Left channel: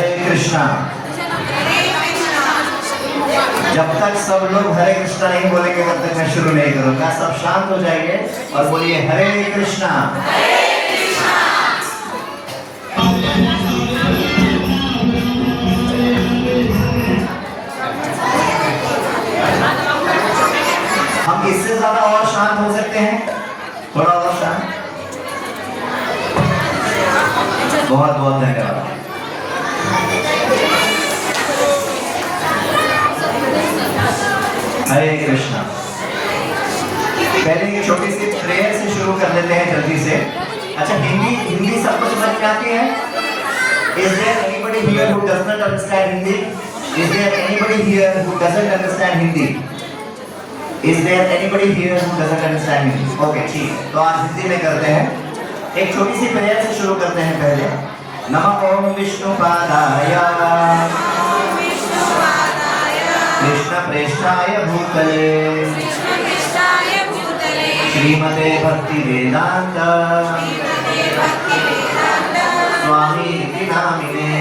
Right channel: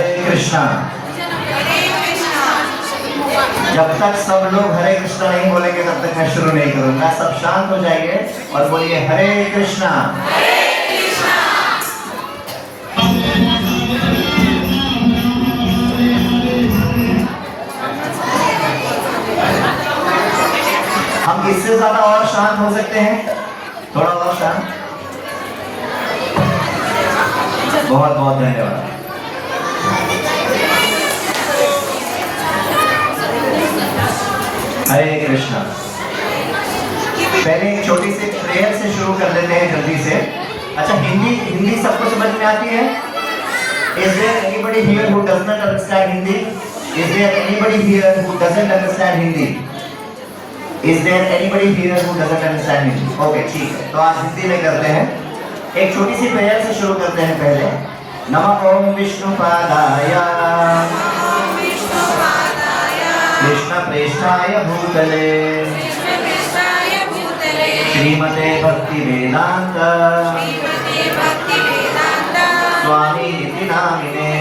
हरे कृष्णा। जब तक सब लोग हरे कृष्णा नहीं बोलेंगे तब तक मैं शुरू नहीं करूंगा। सब शांत हो जाइए और बोलिए हरे कृष्णा। हम इससे ज्यादा और शांत हो सकते हैं? थोड़ा और शांत। बहुत बहुत धन्यवाद। हरे कृष्णा। पहले एक छोटी सी प्रेयर से शुरू कर लेते हैं जल्दी से। अच्छा, हिंदी सबको समझ में आती है? Is there anybody here who does not understand Hindi? Is there anybody here who doesn't understand Hindi? Is there anybody here who doesn't understand Hindi? Okay, ठीक है। तो आज हिंदी में करते हैं। एक छोटी सी प्रेयर से शुरू करते हैं पहले। नमः ओम विष्णुपादाय कृष्ण प्रेष्ठाय भूतले श्रीमते भक्ति वेदांत स्वामी निति नामिने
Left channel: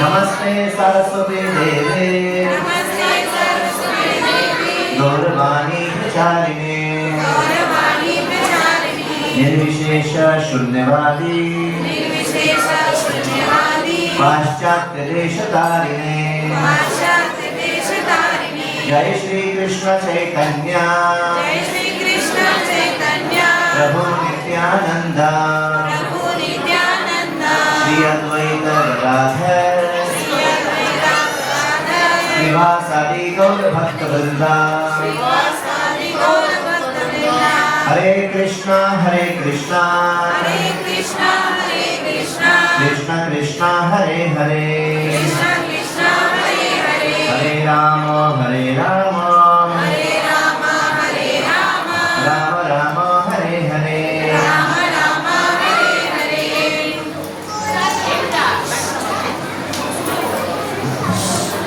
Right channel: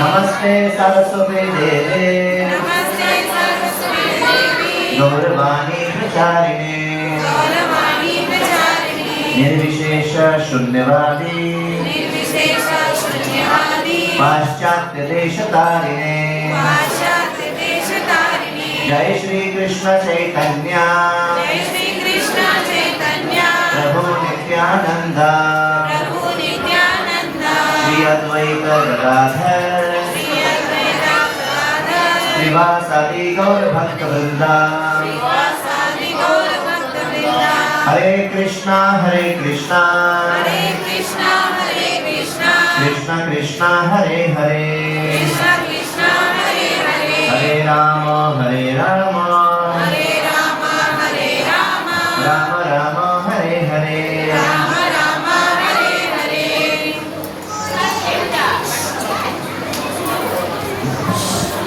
नमस्ते सरस्वती देवे गौरवाणी प्रचारिणे निर्विशेष शून्यवादी पाश्चात्य देशतारिणे जय श्री कृष्ण चैतन्य प्रभु नित्यानंद श्री अद्वैत गदाधर श्रीवासादि गौर भक्त वृंदा। हरे कृष्णा कृष्ण कृष्ण हरे हरे हरे राम राम राम हरे हरे।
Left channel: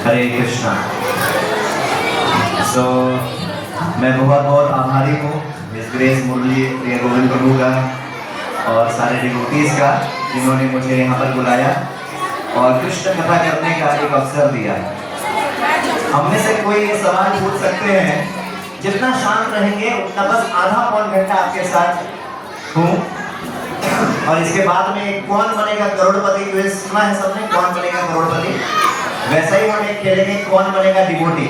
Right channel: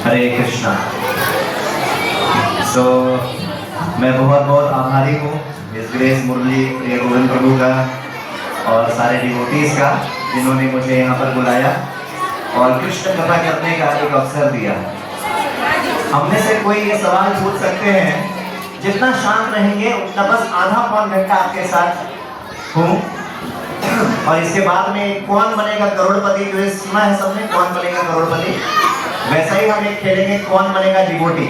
हरे कृष्णा। तो मैं बहुत बहुत आभारी हूँ मिस ग्रेस मुरली प्रिय गोविंद प्रभु का और सारे डिवोटीज का जिन्होंने मुझे यहाँ पर बुलाया और कृष्ण कथा करने का एक अवसर दिया। हमने से कोई ये सवाल पूछ सकते हैं, जितना शांत रहेंगे उतना बस आधा पौन घंटा आपके साथ हूँ। और इसके बाद में कौन बनेगा करोड़पति, जो सुना है सबने, कौन बनेगा करोड़पति, वैसे ही हम एक खेलेंगे कौन बनेगा डिवोटी।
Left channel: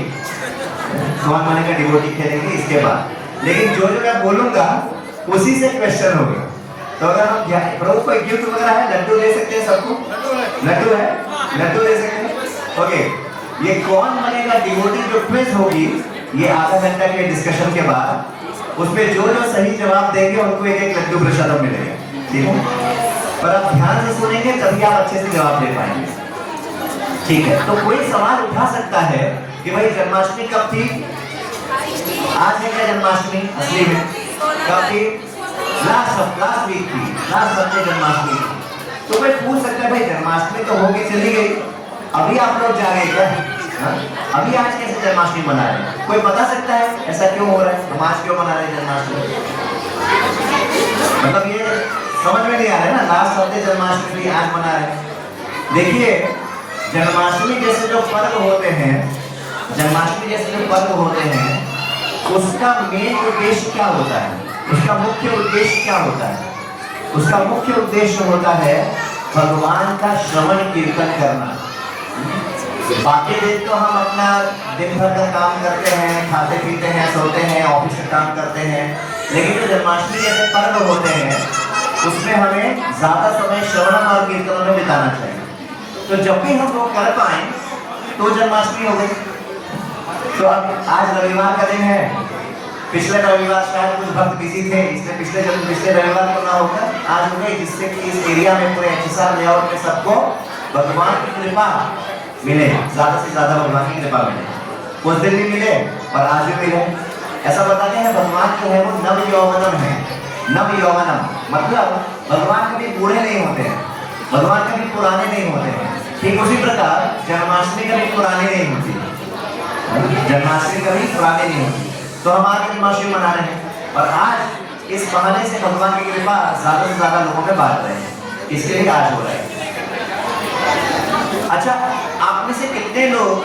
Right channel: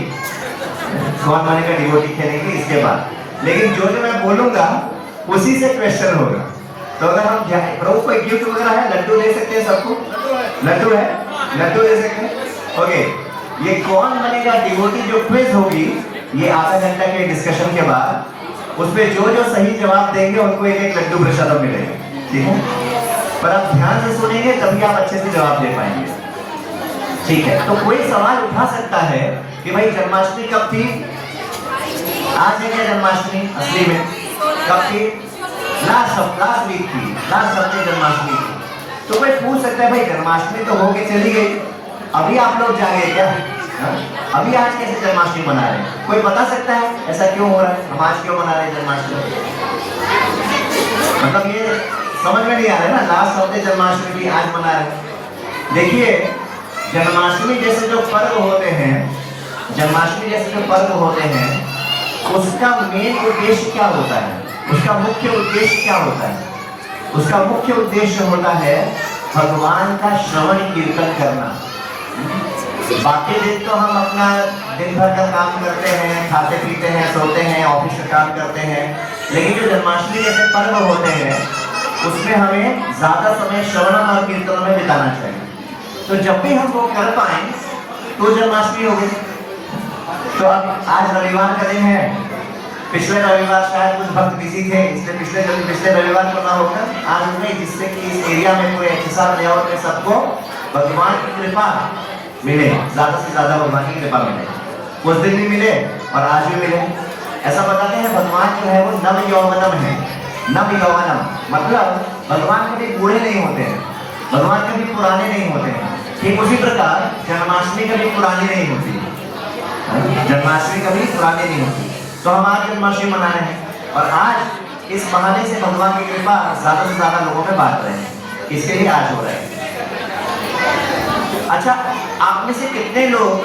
कौन बनेगा डिवोटी खेलेंगे इसके बाद। लेकिन जो मैं बोलूंगा उसी से क्वेश्चन होगा। तो अगर हम प्रभु को गिफ्ट वगैरह है, लड्डू दे सकते हैं सबको? लड्डू है, लड्डू दे सकते हैं। ओके, ये कौन बनेगा डिवोटी जो क्विज होगी, ये आधा घंटा के डिस्कशन के बाद उसमें जो जो सही जवाब देंगे उनको एक एक लड्डू प्रसाद मिलेगा, ठीक है? पर आप ध्यान से सुनेंगे तभी आप अच्छे से जवाब दे पाएंगे, ठीक है? तो कोई सवाल उठा सकता है कि भाई जन्माष्टमी कब थी? आज है क्या जन्माष्टमी? असली में कब थी? लास्ट वीक थी, लास्ट हफ्ते जन्माष्टमी थी। तो मैं पूछ सकता है भाई जन्माष्टमी तो हो गई, चली गई, अभी आप लोग जागे क्या? अभी आज कैसे जन्माष्टमी मना रहे हैं? कोई बता सकता है ऐसा क्यों हो रहा है? हम आज क्यों मना रहे हैं जन्माष्टमी? मतलब ये समझ में नहीं आ रहा है ना, लास्ट हफ्ते जन्माष्टमी थी, आज मना रहे हैं। देखिए, जन्माष्टमी जैसे जो पर्व होते हैं, जन्माष्टमी जैसे जो पर्व होते हैं, उसका मेन उद्देश्य क्या होता है? उसका मुख्य उद्देश्य क्या होता है? उसका मुख्य उद्देश्य होता है भगवान का श्रवण कीर्तन करना। बाकी दिन तो हम अपना दिन भर का काम करते हैं, खाते पीते हैं, सोते हैं, ऑफिस में काम करते हैं, लेकिन जो जन्माष्टमी जैसे पर्व होते हैं उसमें हमें ज्यादा समय श्रवण और कीर्तन में बिताना चाहिए। तो जब भी हम लोग कर पाए तो जन्माष्टमी हो गई। तो अब आज रविवार का दिन है, पिछले रविवार शायद कुछ भक्त बिजी थे, इसलिए पिछले रविवार को ना होकर आज उन्हें, जिससे कि इस एरिया में पूरे एहसास लेआउट में सबको भगवान की कृपा मिले, ज्यादा से ज्यादा भगवान की कृपा मिले। उस दिन भी मिले और आज भी मिले। ऐसा बताते हैं भगवान जो है वो नव यौवनम है। नव यौवनम मतलब भगवान कभी बूढ़े नहीं होते हैं, भगवान कभी पुराने नहीं होते हैं। ठीक उसी प्रकार जन्माष्टमी कभी पुरानी नहीं होती, जन्माष्टमी कभी पुरानी नहीं होती। तो हम आज जन्माष्टमी मना रहे हैं और आज इस बहाने से भगवान की कृपा ज्यादा से ज्यादा लोगों में बांट रहे हैं, इसलिए ही आज हो रहा है। कितने लोग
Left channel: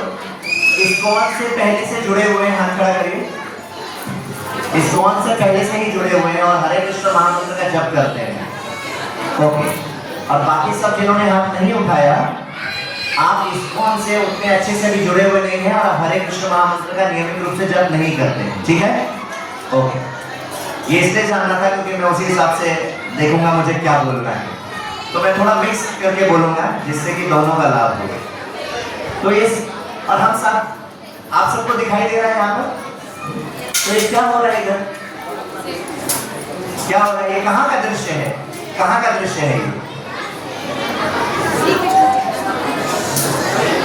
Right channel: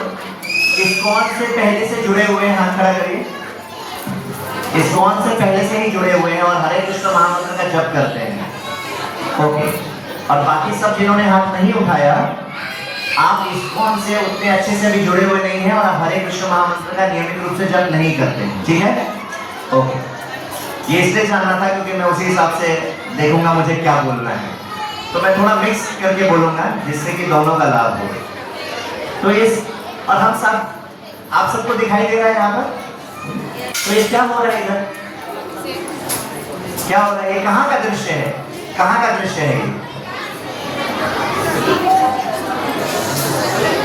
इस्कॉन से पहले से जुड़े हुए हैं? हाथ खड़ा करिए। इस्कॉन से पहले से ही जुड़े हुए हैं और हरे कृष्ण महामंत्र का जप करते हैं। ओके, और बाकी सब जिन्होंने हाथ नहीं उठाया, आप इस्कॉन से उतने अच्छे से भी जुड़े हुए नहीं हैं और हरे कृष्ण महामंत्र का नियमित रूप से जप नहीं करते हैं, ठीक है? ओके, ये इसलिए जानना था क्योंकि मैं उसी हिसाब से देखूंगा मुझे क्या बोलना है, तो मैं थोड़ा मिक्स करके बोलूंगा जिससे कि दोनों का लाभ हो। तो इस और हम सब आप सबको दिखाई दे रहा है यहाँ पर? तो ये क्या हो रहा है इधर? क्या हो रहा है? ये कहाँ का दृश्य है? कहाँ का दृश्य है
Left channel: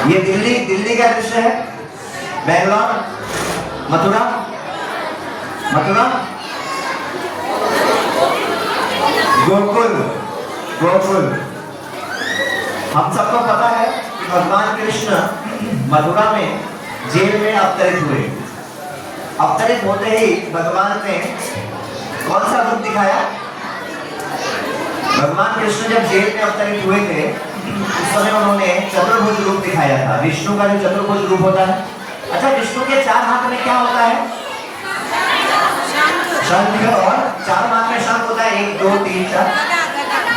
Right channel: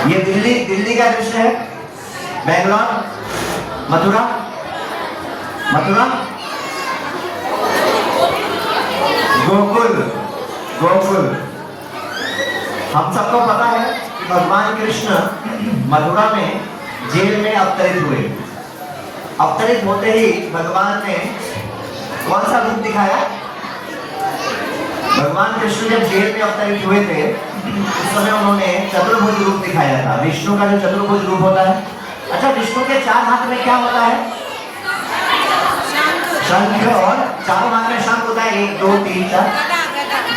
ये? दिल्ली का दृश्य है। बेंगलोर, मथुरा, गोकुल। हम सबको पता है कि भगवान कृष्ण मथुरा में जेल में अवतरित हुए। अवतरित होते ही भगवान ने कौन सा रूप दिखाया? भगवान कृष्ण जब जेल में अवतरित हुए थे उस समय उन्होंने चतुर्भुज रूप दिखाया था, विष्णु का जो चतुर्भुज रूप होता है। अच्छा, विष्णु के 4 हाथ में क्या होता है? शंख, और 4 हाथ में शंख होता है, 1 2 3 4,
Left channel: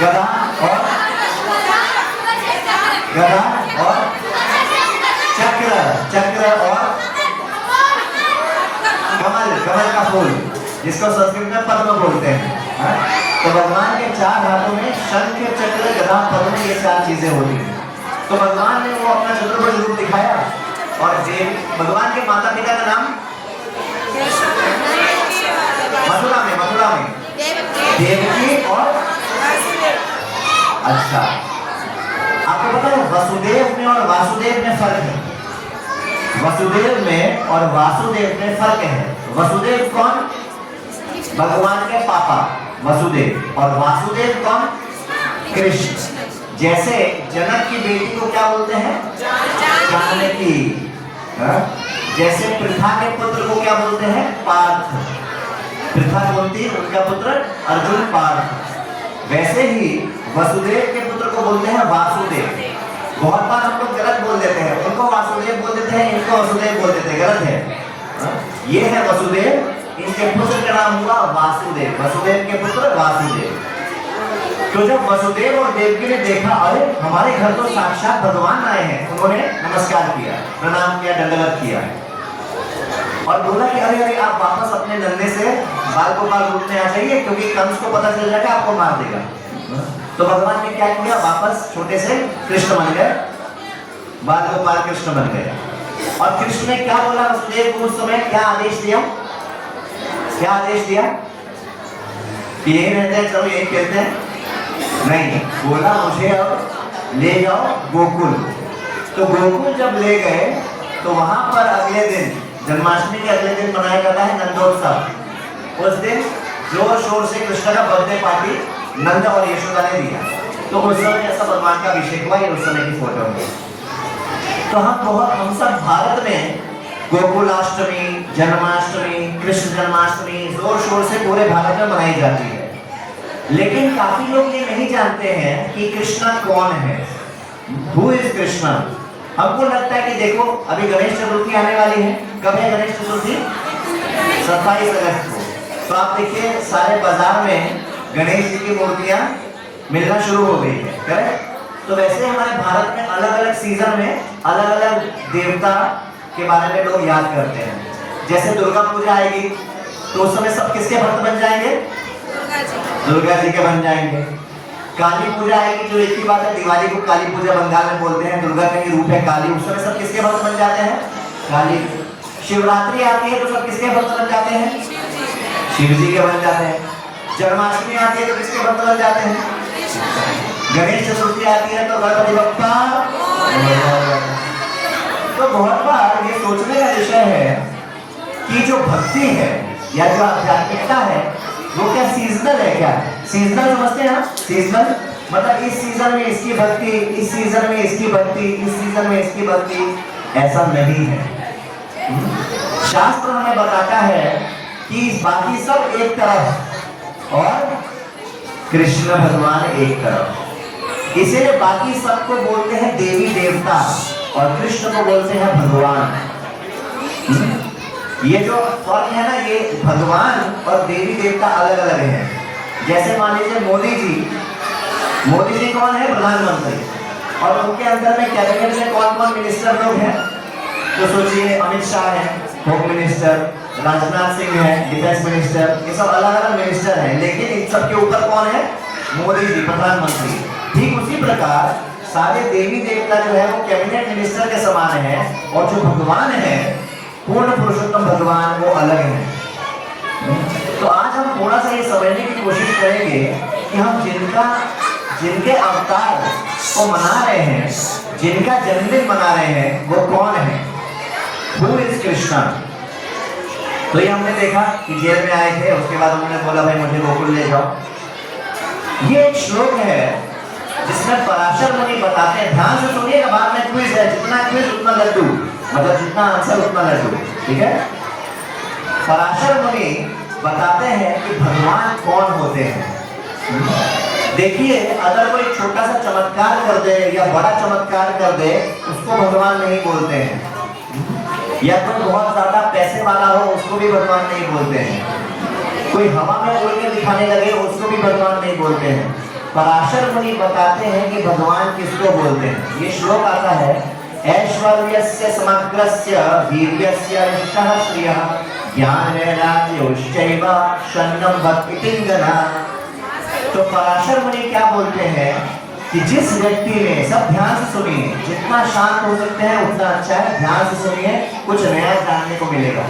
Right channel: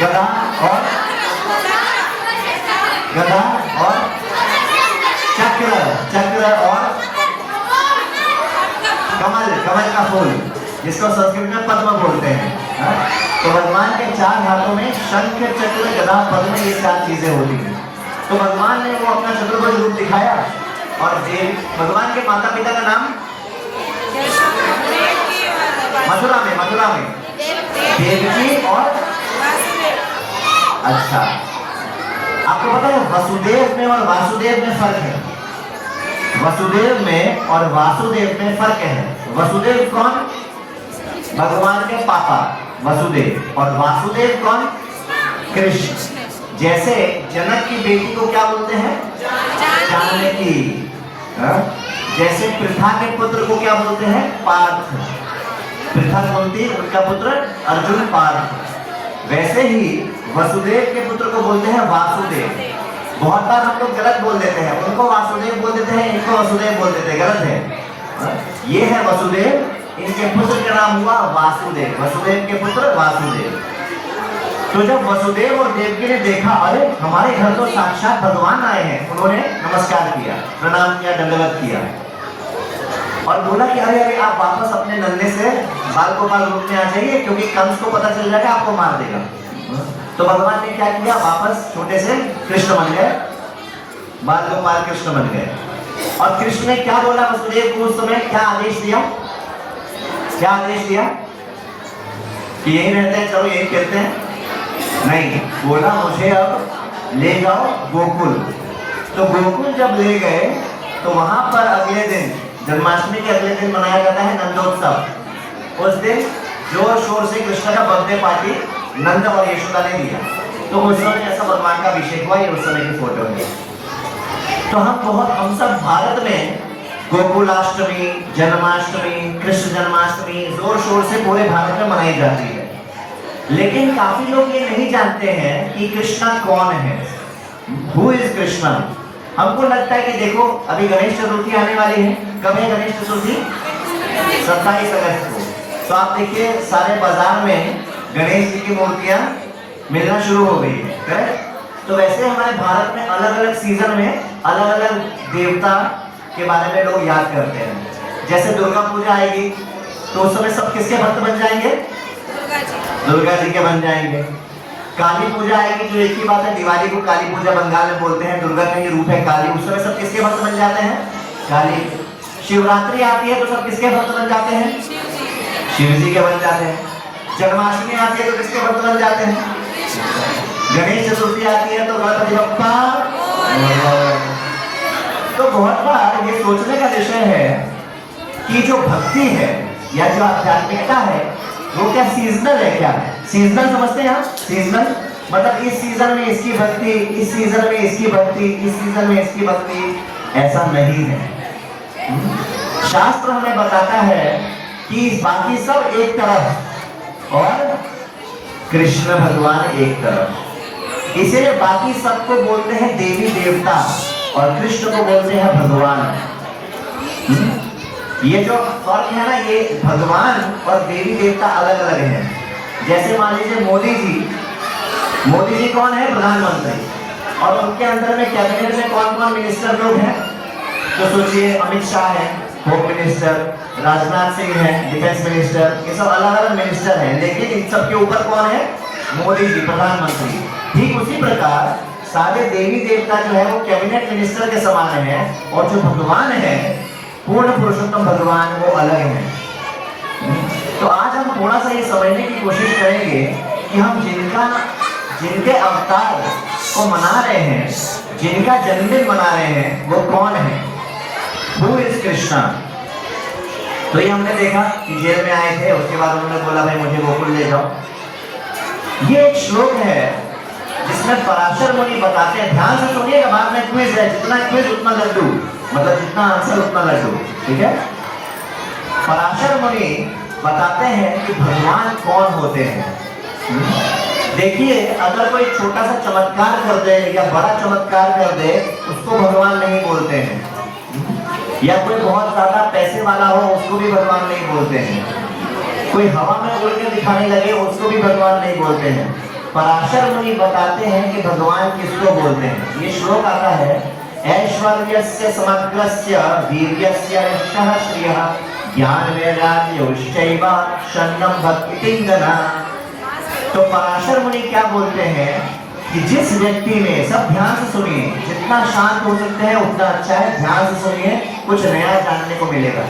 गदा और चक्र और कमल का फूल, जिसको संस्कृत में पद्म बोलते हैं। तो भगवान के 4 हाथों में शंख, चक्र, गदा, पद्म, ये 4 चीजें होती हैं। तो भगवान ने वो अपना चतुर्भुज रूप दिखाया। और भगवान के माता पिता का नाम मथुरा में देवकी और अच्छा, आपको पता है वसुदेव में और वासुदेव में फर्क है? वसुदेव में और वासुदेव में फर्क है। वसुदेव कौन? भगवान के पापा वसुदेव, और वासुदेव कौन? कृष्ण। जैसे जनक की बेटी को क्या बोलते हैं? जानकी। जैसे पृथा के पुत्र को क्या बोलते हैं? पार्थ। पृथा बोलती उनका पुत्र अर्जुन पार्थ। वैसे ही वसुदेव के पुत्र को बोलते हैं वासुदेव। बहुत बार हम लोग गलत बोल देते हैं, उनको वासुदेव बोल देते हैं, इनको वसुदेव बोल देते हैं, गलत है। ये है वसुदेव, इनके पुत्र का नाम हुआ वासुदेव। वसुदेव के पुत्र वासुदेव। तो जब वसुदेव और देवकी ने देखा, अरे हमारे घर तो साक्षात भगवान आए हैं, उन्होंने नमस्कार किया, प्रणाम किया, दंडवत किया और बोला कि अरे आप वापस अपने नन्हे से बाल गोपाल रूप में आ जाइए, क्योंकि कंस को पता चल जाएगा, आपको मार देगा। तो भगवान ने क्या किया? वापस छोटे से कृष्ण बन गए, बाल गोपाल कृष्ण बन गए। और कृष्ण ने क्या बोला वसुदेव को उस समय? क्या आदेश दिया? कि यही रहते हैं, चलो यही कहते हैं? नहीं, बोला मुझे अब ले जाओ गोकुल। तो गोकुल जब ले गए तो वहां पर अगले दिन, जन्माष्टमी के अगले दिन मनाया जाता है नंदोत्सव। उस दिन जोर शोर से कृष्ण का बर्थडे पार्टी नंद और यशोदा ने दिया। तो उस समय ऐसा भगवान का अभिषेक हुआ, ये उस समय की फोटो है। तो हम सब भारत में गोकुलाष्टमी, जन्माष्टमी, कृष्ण जन्माष्टमी जोर शोर से पूरे भारत में मनाई जाती है। लेकिन काफी लोग ये नहीं जानते हैं कि कृष्ण कौन है, हु इज कृष्ण। हमको लगता है कि देखो अभी गणेश चतुर्थी आने वाली है। कब है गणेश चतुर्थी? 27 अगस्त को। तो आप देखिए सारे बाजार में गणेश जी की मूर्तियां मिलना शुरू हो गई है, करेक्ट? तो वैसे हमारे भारत में अलग अलग सीजन में अलग अलग देवता के बारे में लोग याद करते हैं। जैसे दुर्गा पूजा आएगी तो उस समय सब किसके भक्त बन जाएंगे? दुर्गा जी के बन जाएंगे। काली पूजा आएगी, जो एक ही बात है, दिवाली को काली पूजा बंगाल में बोलते हैं, दुर्गा का ही रूप है काली, उस समय सब किसके भक्त बन जाते हैं? काली। शिवरात्रि आती है तो सब किसके भक्त बन जाते हैं? शिव जी के बन जाते हैं। जन्माष्टमी आती है तो किसके भक्त बन जाते हैं? गणेश चतुर्थी आती है तो गणपति बप्पा। तो बहुत बार ये सोचने का विषय है कि जो भक्ति है या जो आध्यात्मिकता है वो क्या सीजनल है? क्या सीजनल समझते हैं? सीजनल मतलब इस सीजन में इसकी भक्ति, इस सीजन में इसकी भक्ति, इस सीजन में इसकी भक्ति, ऐसा नहीं है। शास्त्र हमें बताता है कि बाकी सब एक तरफ और कृष्ण भगवान एक तरफ, इसीलिए बाकी सबको बोलते हैं देवी देवता। और कृष्ण को बोलते हैं भगवान। ये जो फर्क है ना, ये भगवान और देवी देवता अलग अलग है। जैसे मान लीजिए मोदी जी कौन है? प्रधानमंत्री। और उनके अंदर में कैबिनेट में कौन कौन मिनिस्टर लोग हैं? तो सोचिए, अमित शाह है होम मिनिस्टर, राजनाथ सिंह है डिफेंस मिनिस्टर, ये सब अलग अलग मिनिस्टर हैं, लेकिन इन सब के ऊपर कौन है? मोदी जी, प्रधानमंत्री। ठीक उसी प्रकार सारे देवी देवता जो है वो कैबिनेट मिनिस्टर के समान है, और जो भगवान है, पूर्ण पुरुषोत्तम भगवान, वो अलग है। तो आज हम थोड़ा सा ये समझने की कोशिश करेंगे कि हम जिनके अवतार को मना रहे हैं, जिनका जन्मदिन मना रहे हैं, वो कौन है? Who is Krishna? तो ये हमने देखा कि जेल में आए थे, उसके बाद उन्होंने बोला भाई मुझे गोकुल ले जाओ। ये एक श्लोक है जिसमें पराशर मुनि बताते हैं, ध्यान से सुनिएगा, बाद में क्विज है, जितना क्विज उतना लड्डू, मतलब जितना आंसर उतना लड्डू, ठीक है। पराशर मुनि बताते हैं कि भगवान कौन होते हैं। देखिए, अगर कोई छोटा सा चमत्कार कर दे या बड़ा चमत्कार कर दे, उसको भगवान नहीं बोलते हैं। या कोई बहुत ज्यादा पैसे वाला हो, उसको भी भगवान नहीं बोलते हैं। कोई हवा में उड़ के दिखाने लगे, उसको भी भगवान नहीं बोलते हैं। पराशर मुनि बताते हैं कि भगवान किसको बोलते हैं। ये श्लोक आता है, ऐश्वर्यस्य समग्रस्य वीर्यस्य यशः श्रियः ज्ञान वैराग्योश्चैव शरणं भक्तिंगना। तो पराशर मुनि क्या बोलते हैं कि जिस व्यक्ति ने, सब ध्यान से सुनिए, जितना शांत हो सकते हैं उतना अच्छा है, ध्यान से सुनिए, कुछ नया जानने को मिलेगा।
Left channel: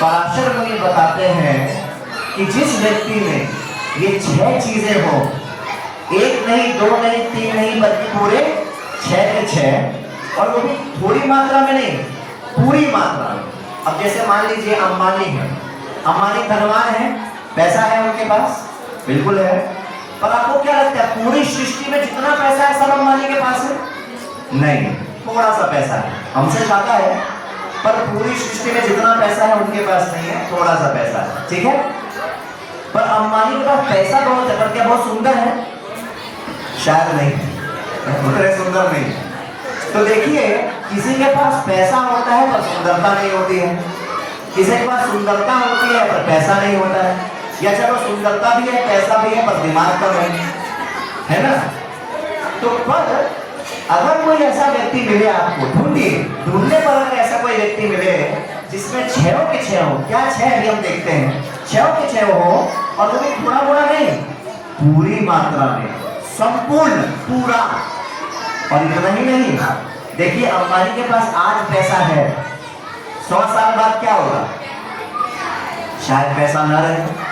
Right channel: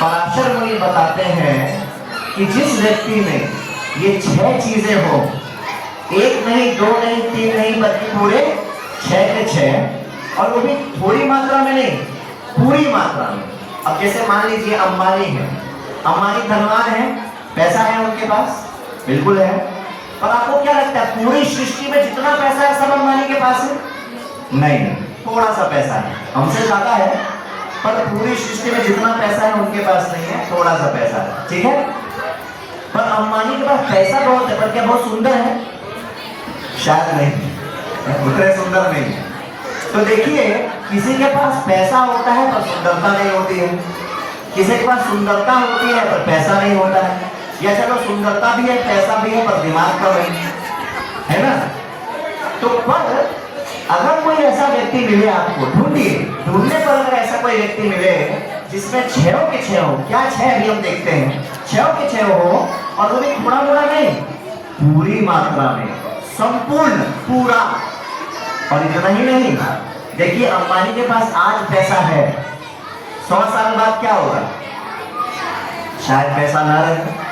पराशर मुनि बताते हैं कि जिस व्यक्ति में ये 6 चीजें हो, 1 नहीं, 2 नहीं, 3 नहीं, बल्कि पूरे 6 के 6, और वो भी थोड़ी मात्रा में नहीं, पूरी मात्रा में। अब जैसे मान लीजिए अंबानी है, अंबानी धनवान है, पैसा है उनके पास, बिल्कुल है, पर आपको क्या लगता है पूरी सृष्टि में जितना पैसा है सब अंबानी के पास है? नहीं, थोड़ा सा पैसा है, हमसे ज्यादा है, पर पूरी सृष्टि में जितना पैसा है उनके पास नहीं है, थोड़ा सा पैसा है, ठीक है। पर अंबानी के पास पैसा बहुत है, पर क्या बहुत सुंदर है? शायद नहीं, उतने सुंदर नहीं। तो देखिए, किसी के पास पैसा होता है पर सुंदरता नहीं होती है, किसी के पास सुंदरता होती है पर पैसा नहीं होता है, या चलो सुंदरता भी है, पैसा भी है, पर दिमाग पर है ना। तो पर अगर कोई ऐसा व्यक्ति मिले आपको, ढूंढने पर अगर ऐसा कोई व्यक्ति मिले जिसमें 6 के 6 हो, क्या 6 अभी हम देखते हैं, 6 के 6 हो, और वो भी थोड़ा मोड़ा नहीं, पूरी मात्रा में, संपूर्ण, पूरा। और इतना ही नहीं, देखिए अंबानी के पास आज पैसा है, 100 साल बाद क्या होगा? शायद पैसा न रहे।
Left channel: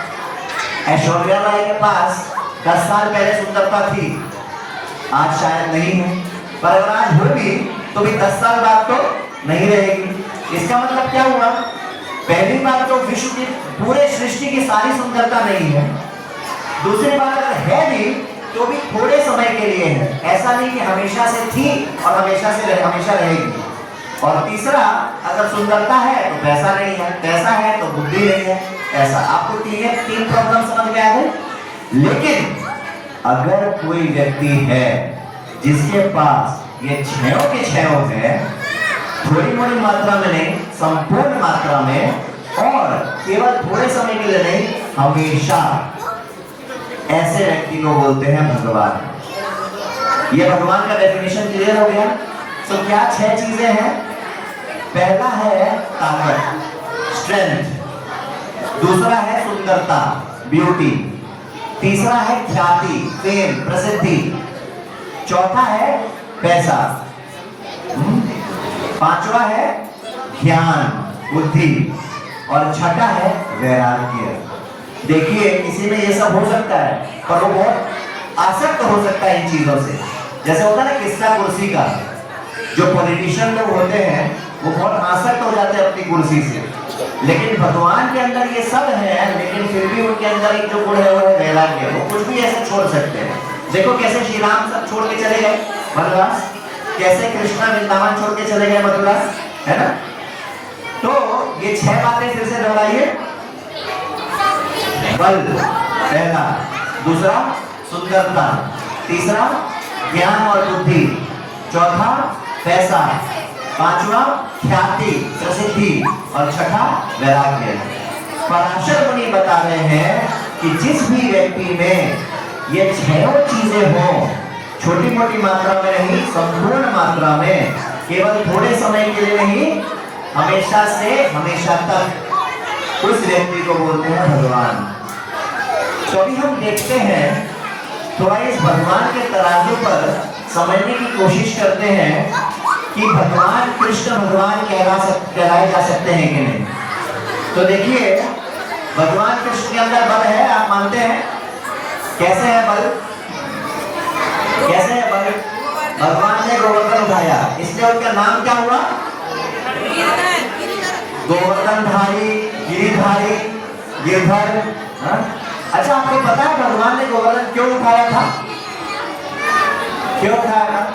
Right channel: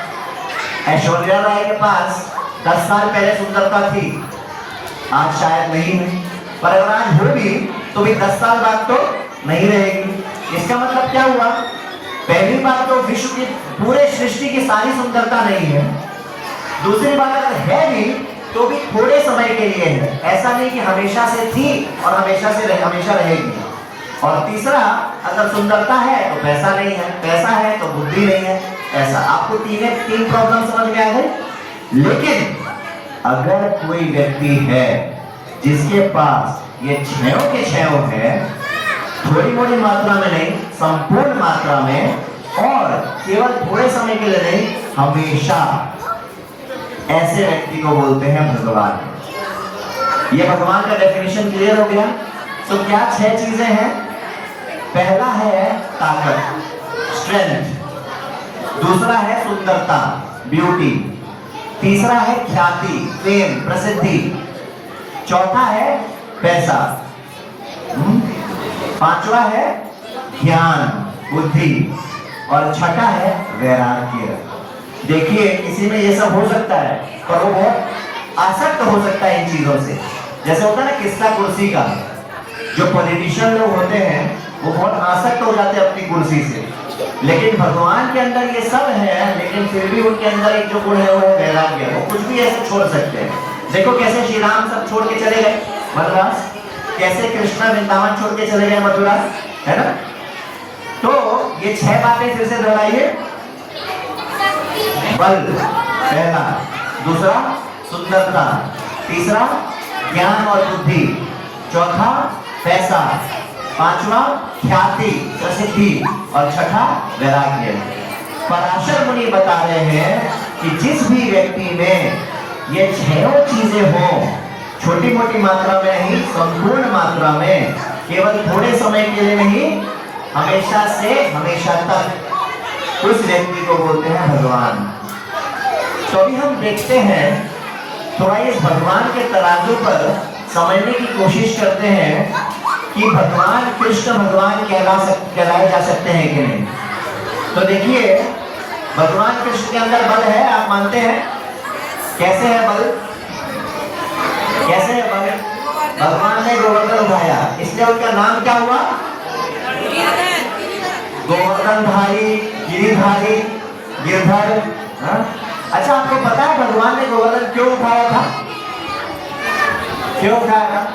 ऐश्वर्या राय के पास 10 साल पहले सुंदरता थी, आज शायद नहीं है, पर अगर आज होगी तो भी 10 साल बाद तो नहीं रहेगी। इसका मतलब क्या हुआ? पहली बात तो विश्व की, पूरे सृष्टि की सारी सुंदरता नहीं है। दूसरी बात, अगर है भी तो भी थोड़े समय के लिए है, ऐसा नहीं कि हमेशा से थी और हमेशा रहेगी। और तीसरा, अगर सुंदरता है तो पैसा नहीं है, पैसा है तो बुद्धि नहीं है, ऐसा। आपको तीन प्रॉब्लम समझ में आ गई। लेकिन अगर कोई व्यक्ति है जिसके पास ये 6 के 6 है, थोड़ी मोड़ी मात्रा में नहीं, संपूर्ण मात्रा में, और केवल थोड़े समय के लिए नहीं, हमेशा, ऐसे व्यक्ति को बोलते हैं भगवान। ये भगवान का डेफिनेशन क्लियर हो गया। तो क्या 6 चीजें हैं? पहला है ताकत, स्ट्रेंथ, दूसरा है सुंदरता, ब्यूटी, तीसरा है ख्याति, फेम, प्रसिद्धि, चौथा है पैसा, 5वां है ज्ञान, बुद्धि, और छठा है वैराग्य। देखिए, किसी में ये सब हो सकता है, पर वो बहुत आसक्त हो सकता है इन चीजों से। जैसे होता है ना किस्सा कुर्सी का, जो पॉलिटिशियन लोग होते हैं वो बहुत आसक्त हो जाते हैं अपनी कुर्सी से, लेकिन भगवान के अंदर ये सब है, लेकिन फिर भी उनके अंदर एक जो गुण है वो है वैराग्य। वो कुछ भी ऐसे छोड़ सकते हैं। देखो कैसे श्री राम सब छोड़ के चले गए वनवास, कैसे कृष्णा वृंदावन छोड़ के चले गए मथुरा, है ना। तो ये 6 बातें फिर से दोहराइए। बल पहला, दूसरा सुंदरता, तीसरा ज्ञान और बुद्धि, चौथा पैसा, पांचवा ख्याति प्रसिद्धि और छठा वैराग्य। पराशर मुनि बता रहे हैं कि जिस भी व्यक्ति में ये छह चीजें हों, छोटी मोटी मात्रा में नहीं, संपूर्ण मात्रा में, केवल थोड़े समय के लिए नहीं, हमेशा से हमेशा तक, उस व्यक्ति को बोलते हैं भगवान। तो अभी हम देखते हैं, थोड़ा इस भगवान के तराजू पर समझने की कोशिश करते हैं कि भगवान कृष्ण भगवान कहलाए जा सकते हैं कि नहीं। तो देखिए, भगवान कृष्ण के अंदर बल है, आप मानते हैं? कैसे है बल? कैसे है बल? भगवान ने गोवर्धन उठाया, इसलिए उनका नाम क्या हुआ? गोवर्धनधारी, गिरिधारी, गिरधर। अच्छा, आपको पता है भगवान ने गोवर्धन क्यों उठाया था? क्यों उठाया था?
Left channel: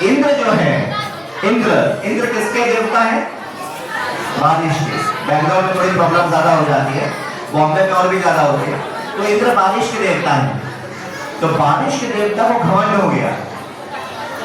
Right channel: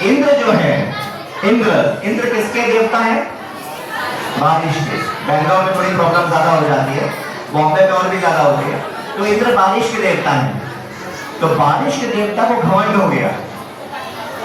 इंद्र जो है, इंद्र किसके देवता है? बारिश के। बैंगलोर में थोड़ी प्रॉब्लम ज्यादा हो जाती है, बॉम्बे में और भी ज्यादा होती है। तो इंद्र बारिश के देवता है। तो बारिश के देवता को घमंड हो गया,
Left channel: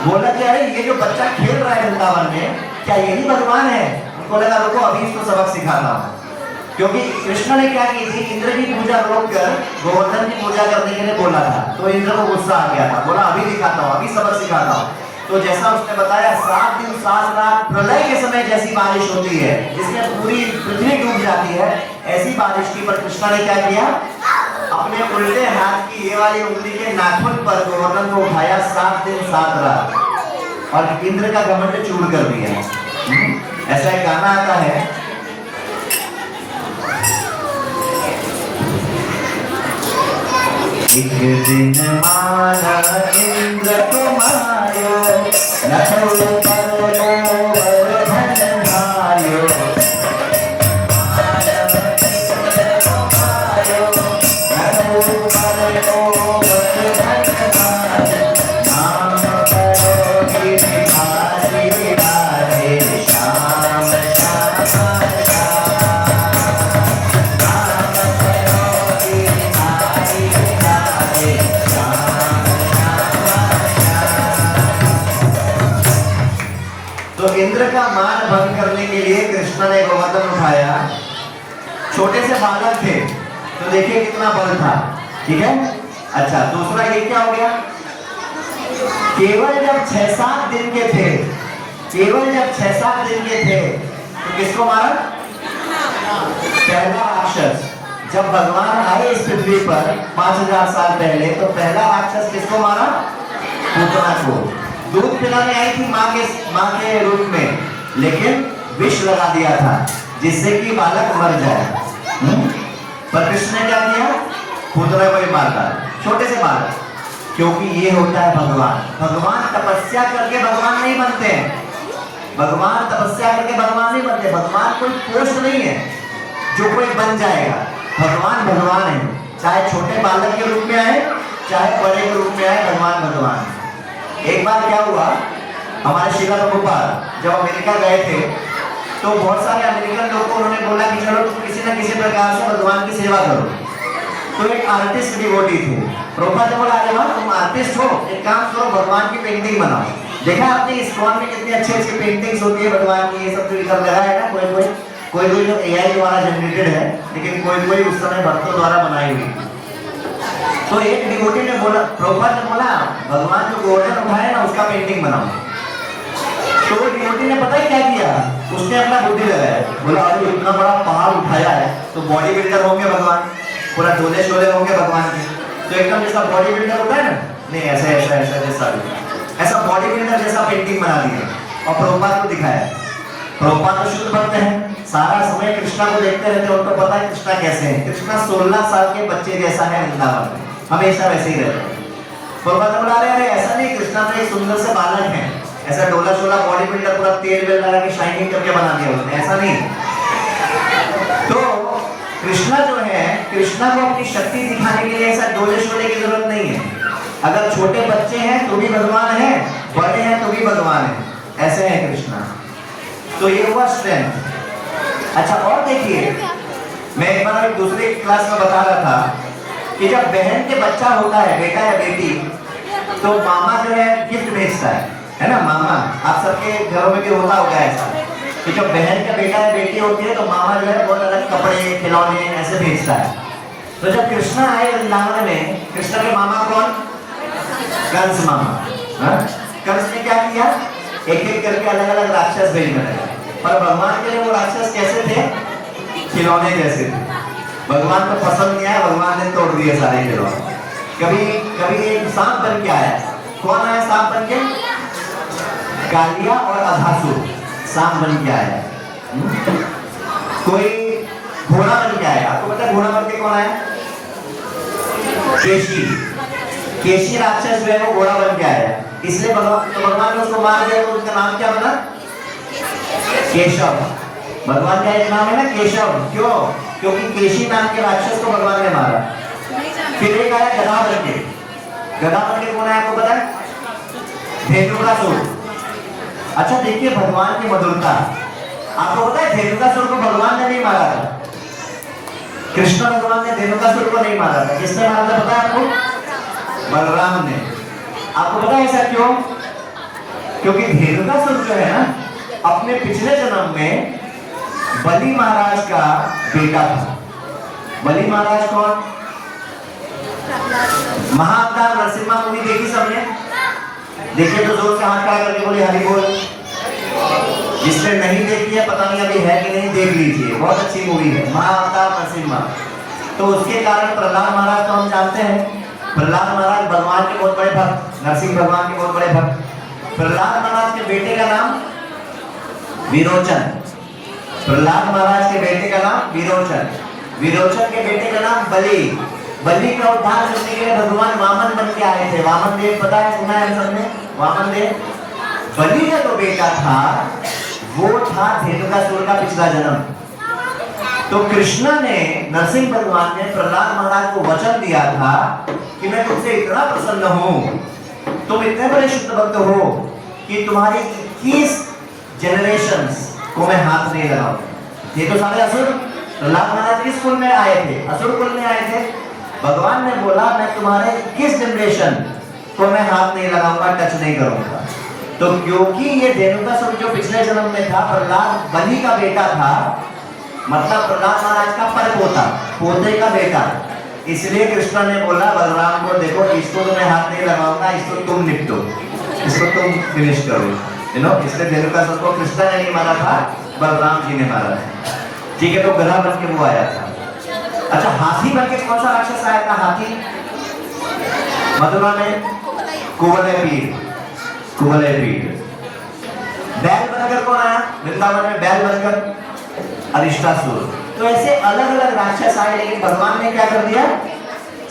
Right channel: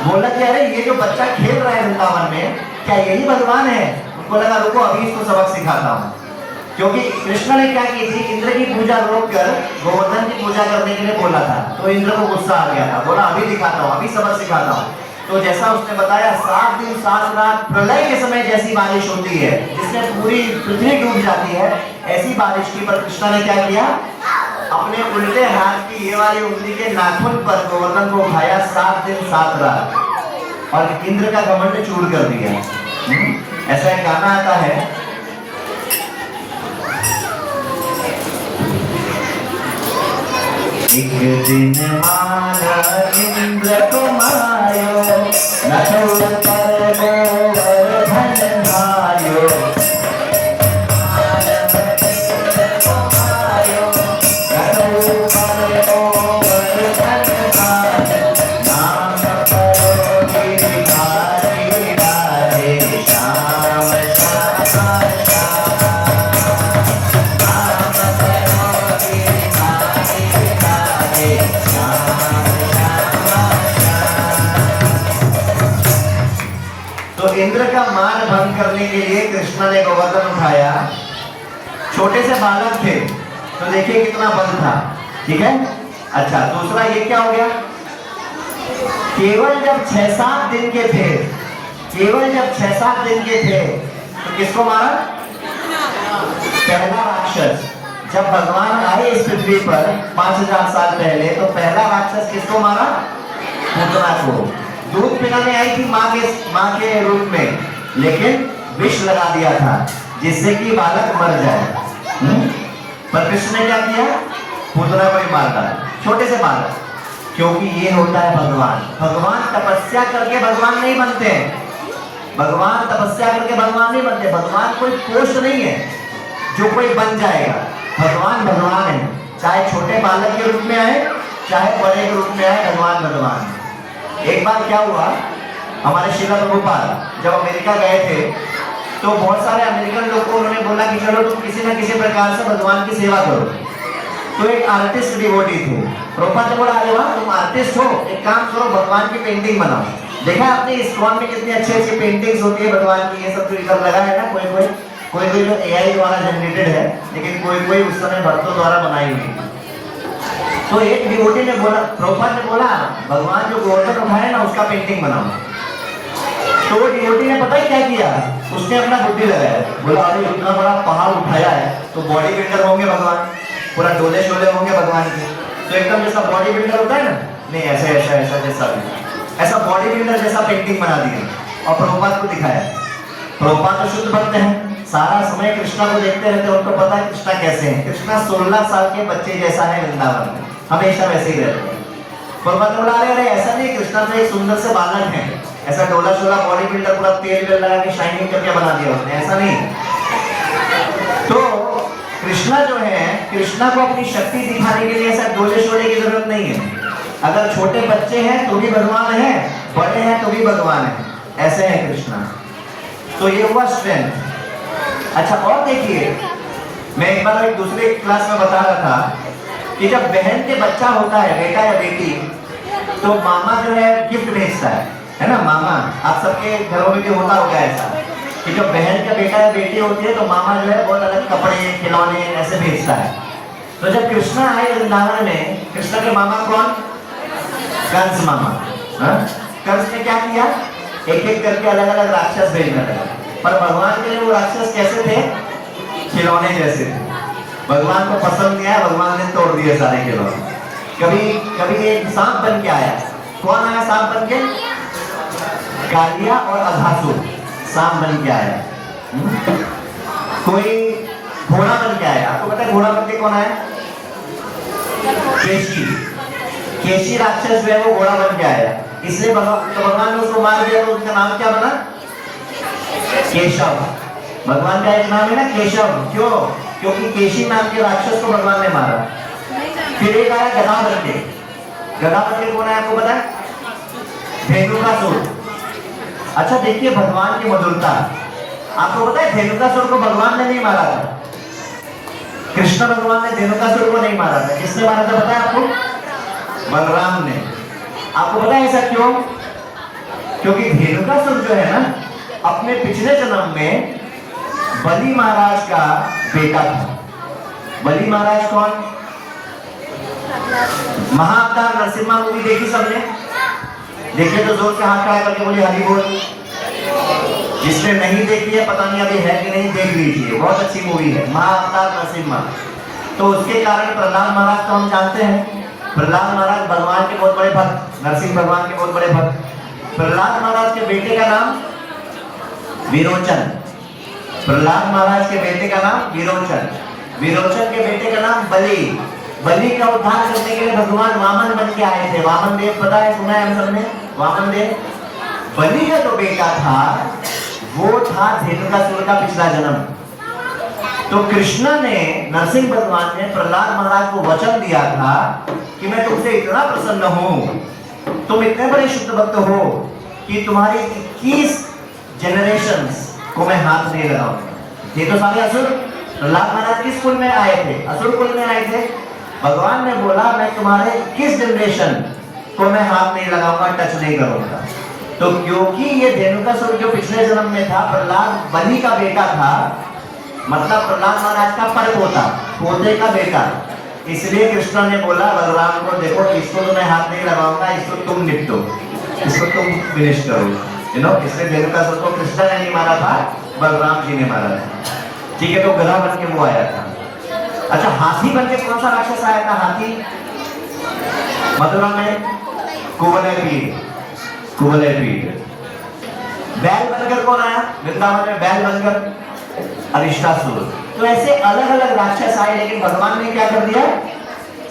बोला कि अरे ये जो बच्चा खेल रहा है वृंदावन में, क्या यही भगवान है? उनको लगा रुको अभी इसको सबक सिखाता हूँ। क्योंकि कृष्ण ने क्या की थी, इंद्र की पूजा रोककर गोवर्धन की पूजा करने के लिए बोला था। तो इंद्र को गुस्सा आ गया था, बोला अभी दिखाता हूँ, अभी सबक सिखाता हूँ। तो जैसा उसने बताया, 7 दिन 7 रात प्रलय के समय जैसी बारिश होती है, जिसमें पूरी पृथ्वी डूब जाती है, ऐसी बारिश की। पर कृष्ण ने क्या किया, अपने उल्टे हाथ की ये वाली उंगली के नाखून पर गोवर्धन को उठाया, 7 दिन 7 रात, और इंद्र का घमंड चूर कर दिया। ऐसा एक गाना आता है, एक दिन माना इंद्र को मायो, नथु पर गोवर्धन भायो। तो इंद्र का मान भंग करने के लिए कृष्ण ने गोवर्धन उठाया। छोटे से बालक थे, तो देखिए कितना बल था। ठीक है। अच्छा, दूसरा ये क्या हो गया, केवल जब 6-7 दिन के थे, केवल जब 6-7 दिन के थे, तो किसको मारा? पहला राक्षस। जब भगवान आए इस पृथ्वी पर 5000 साल पहले, तो पहला राक्षस किसको मारा? पूतना को। दूध पिलाने आई थी माँ के रूप में, लेकिन विष लगा दिया था जिससे कि बालक मर जाए। पर कृष्ण ने क्या किया? पूतना को ही मार डाला, छोटे से बालक। क्योंकि ये होता है भगवान। भगवान तपस्या करके भगवान नहीं बनते हैं। भगवान तपस्या करके भगवान नहीं बनते। भगवान कोई पोस्ट नहीं है जो कोई बन जाएगा। भगवान भगवान है, चाहे छोटे बालक के रूप में आए, चाहे बड़े के रूप में आए, भगवान भगवान। एक बार क्या हुआ, हमारे श्रीला प्रभुपाद जब अमेरिका गए थे, तो बहुत सारे अमेरिकन लोग को उन्होंने बोला कि चलो तुम किसी न किसी प्रकार से भगवान की सेवा करो। तो एक आर्टिस्ट डिवोटी थे। प्रभुपाद ने बोला, अरे वाह तुम आर्टिस्ट हो, एक काम करो भगवान की पेंटिंग बनाओ। देखा आपने इस्कॉन में कितनी अच्छी अच्छी पेंटिंग्स होती है भगवान की, ये सब जो इधर लगा है ना, कोई जो AI द्वारा जनरेटेड है, लेकिन कोई उस समय भक्तों द्वारा बनाई हुई। तो एक डिवोटी ने बोला, प्रभुपाद ने बोला, भगवान जो गोवर्धन उठाए ना उसका पेंटिंग बनाओ। तो डिवोटी ने पता है क्या किया, उसने अपना बुद्धि लगाया, बोला अरे इतना बड़ा पहाड़ उठाया है तो बॉडी बिल्डर होंगे भगवान, पूरा डोले शोले होंगे भगवान के। तो एकदम जैसा बॉडी बिल्डर होता है ना, नहीं ऐसा ऐसा ऐसा जैसा ऐसा बॉडी बिल्डर जैसा पेंटिंग बना दिया और प्रभुपाद को दिखाया। प्रभुपाद तो शुद्ध भक्त हैं, सारा समय कृष्णा को देखते रहते हैं, उनको पता है कृष्णा कैसे है। कृष्णा 16 साल के बच्चे जैसा है, वृंदावन हमेशा वैसे ही रहते हैं। प्रभुपाद बोला अरे ऐसा नहीं, कृष्णा तो एक सुंदर से बालक है, ऐसा डोला शोला बॉडी बिल्डर पूरा तेल वेल लगा के शाइनिंग करके बना दिया उसने, ऐसा नहीं। तो कृष्णा जो है, कृष्णा को अपनी शक्ति दिखाने के लिए ऐसा डोले शोले की जरूरत नहीं है। अगर छोटे बच्चे हैं तो भी भगवान है, बड़े हैं तो भी भगवान है, ऐसे है कृष्णा। तो ये हुआ स्ट्रेंथ। अच्छा और देखिए, मैं एक बार एक दूसरे क्लास में बता रहा था कि जब बहन के बच्चा होता है, बेटा या बेटी, तो मामा जो है गिफ्ट भेजता है ना। मामा, आप सबके घरों में भी होता होगा ऐसा कि जब बहन का बेटा या बेटी होती है तो मामा जो है बहुत अलग कपड़े, खिलौने ऐसे भेजता है। तो जब कृष्णा आए वृंदावन में, कृष्णा के मामा कौन? कंस मामा। कंस ने क्या किया? एक एक करके अलग अलग राक्षस भेजने लगा। पर भगवान के लिए वो राक्षस कैसे थे? खिलौने जैसे थे। भगवान को पसंद नहीं आया, भगवान ने तोड़ दिए सारे खिलौने। कभी कभी एक सांप बन के आया। कौन आया सांप बन के? कालिया और अघासुर सांप बन के आया। कोई घोड़ा बन के आया। आपको पता है घोड़ा बन के कौन आया? केशी। केशी राक्षस जो है वो घोड़ा बन के आया, इसलिए भगवान ने उसको मार दिया। तो उसका नाम क्या बना? केशव। भगवान का एक नाम है ना केशव। क्यों? क्योंकि केशी नाम के राक्षस को भगवान ने मारा। फिर एक आया गधा बन के। गधा बन के कौन आया आपको पता है? धेनुकासुर। अच्छा देखिए भगवान की मधुरता। आपको पता है धेनुकासुर को भगवान ने नहीं मारा था। कृष्ण भगवान ने धेनुकासुर को नहीं मारा था। किसने मारा था पता है आपको? बलराम ने। आपको पता है ऐसा क्यों? क्योंकि धेनुकासुर जो है ना, अपने पिछले जन्म में बलि महाराज का बेटा था। बलि महाराज कौन? महाअवतार नरसिम्हा मूवी देखी सबने? देखिए तो जोर से हाथ खड़ा करके बोलिए हरि बोल। जिसने नहीं देखी है पता नहीं अभी है कि नहीं, देख लीजिए, बहुत अच्छी मूवी है महाअवतार नरसिम्हा। तो उसके कारण प्रहलाद महाराज को हम जानते हैं। प्रहलाद महाराज भगवान के बहुत बड़े भक्त, नरसिंह भगवान के बहुत बड़े भक्त। प्रहलाद महाराज के बेटे का नाम विरोचन। प्रहलाद महाराज के बेटे का नाम विरोचन। विरोचन के बेटे का नाम बलि। बलि का उद्धार करने के लिए भगवान वामन बन के आए थे। वामन देव पता है, सुना है सबने? वामन देव। बलि का जो बेटा था वो था धेनुकासुर का पिछला जन्म। तो कृष्ण ने, नरसिंह भगवान ने प्रहलाद महाराज को वचन दिया था कि मैं तुमसे इतना प्रसन्न हूं, तुम इतने बड़े शुद्ध भक्त हो कि तुम्हारी 21 जनरेशंस को मैं हाथ नहीं लगाऊंगा। ये तो सारे असुर। प्रहलाद महाराज किस कुल में आए थे? असुर कुल में आए थे। भगवान ने बोला मैं तुम्हारे 21 जनरेशन को मैं हाथ नहीं लगाऊंगा, टच नहीं करूंगा। तो क्योंकि ये धेनुकासुर जो पिछले जन्म में था, प्रहलाद बलि का बेटा था, मतलब प्रहलाद महाराज का परपोता, पोते का बेटा, इसलिए कृष्ण ने बोला बलराम को, देखो इसको तो मैं हाथ नहीं लगाऊंगा, इसको तुम निपटो, इसको तुम फिनिश करो। इसलिए धेनुकासुर को कृष्ण ने नहीं मारा था, बलराम जी ने मारा था। ठीक है, तो गधा बन के वो आया था। अच्छा, हाथी बन के कौन सा राक्षस आया था? हाथी मथुरा में कुवलय पीठ। कुवलय पीठ। बैल बनकर कौन आया वृंदावन में? बैल बनकर अरिष्टासुर। तो ऐसे अलग अलग राक्षस आए, लेकिन भगवान ने क्या कर दिया?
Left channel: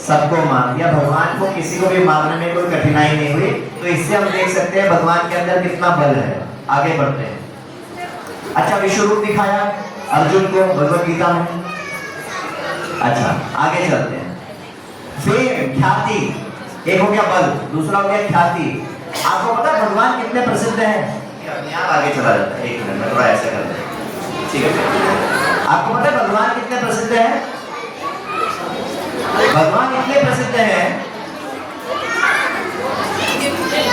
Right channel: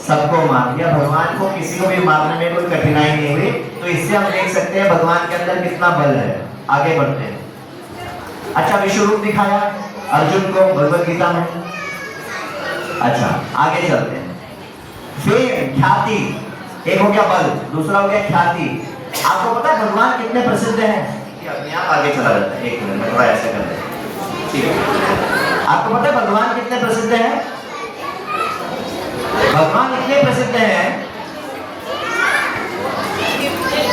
सबको मार दिया। भगवान को किसी को भी मारने में कोई कठिनाई नहीं हुई। तो इससे हम देख सकते हैं भगवान के अंदर कितना बल है। आगे बढ़ते हैं। अच्छा, विश्व रूप दिखाया अर्जुन को भगवत गीता में। अच्छा, आगे चलते हैं। फिर ख्याति, एक हो गया बल, दूसरा हो गया ख्याति। आपको पता है भगवान कितने प्रसिद्ध हैं? अपने आप आगे चला जाता है। एक मिनट, थोड़ा ऐसे करते हैं, ठीक है? आपको पता है भगवान कितने प्रसिद्ध हैं? भगवान इतने प्रसिद्ध हैं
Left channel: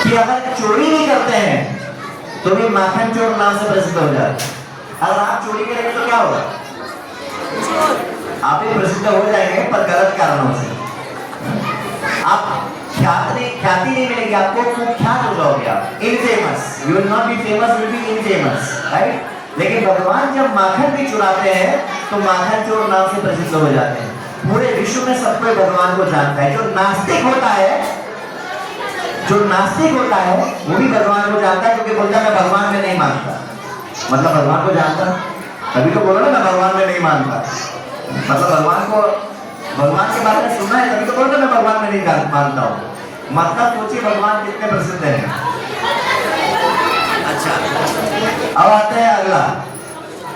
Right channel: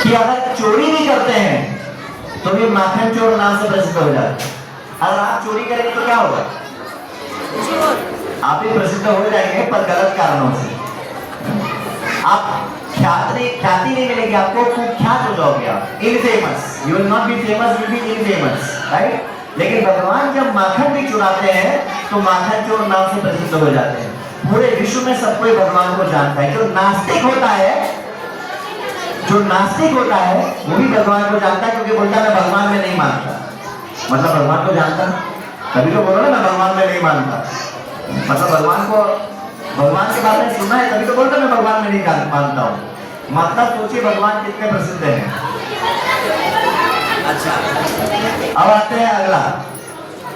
कि अगर चोरी भी करते हैं तो भी माखन चोर नाम से प्रसिद्ध हो जाता है। अगर आप चोरी करेंगे तो क्या होगा? आप भी प्रसिद्ध हो जाएंगे, पर गलत कारणों से। आप ख्याति नहीं मिलेगी आपको, कुख्यात हो जाओगे आप, infamous. You will not be famous, you will be infamous, right? लेकिन भगवान जब माखन भी चुराते हैं तो माखन चोर नाम से प्रसिद्ध हो जाते हैं। पूरे विश्व में सब कोई भगवान को जानता है। जो नास्तिक होता है, जो नास्तिक होता है वो भी भगवान को जानता है, क्योंकि बोलता है मैं भगवान में नहीं मानता। मतलब भगवान को जानता, तभी तो बोलो ना मैं भगवान में नहीं मानता। मतलब भगवान के बारे में सुना है, तभी तो बोलते मैं भगवान में नहीं मानता हूँ। मतलब सोचिए भगवान कितने प्रसिद्ध हैं। अच्छा, अब आते हैं अगला,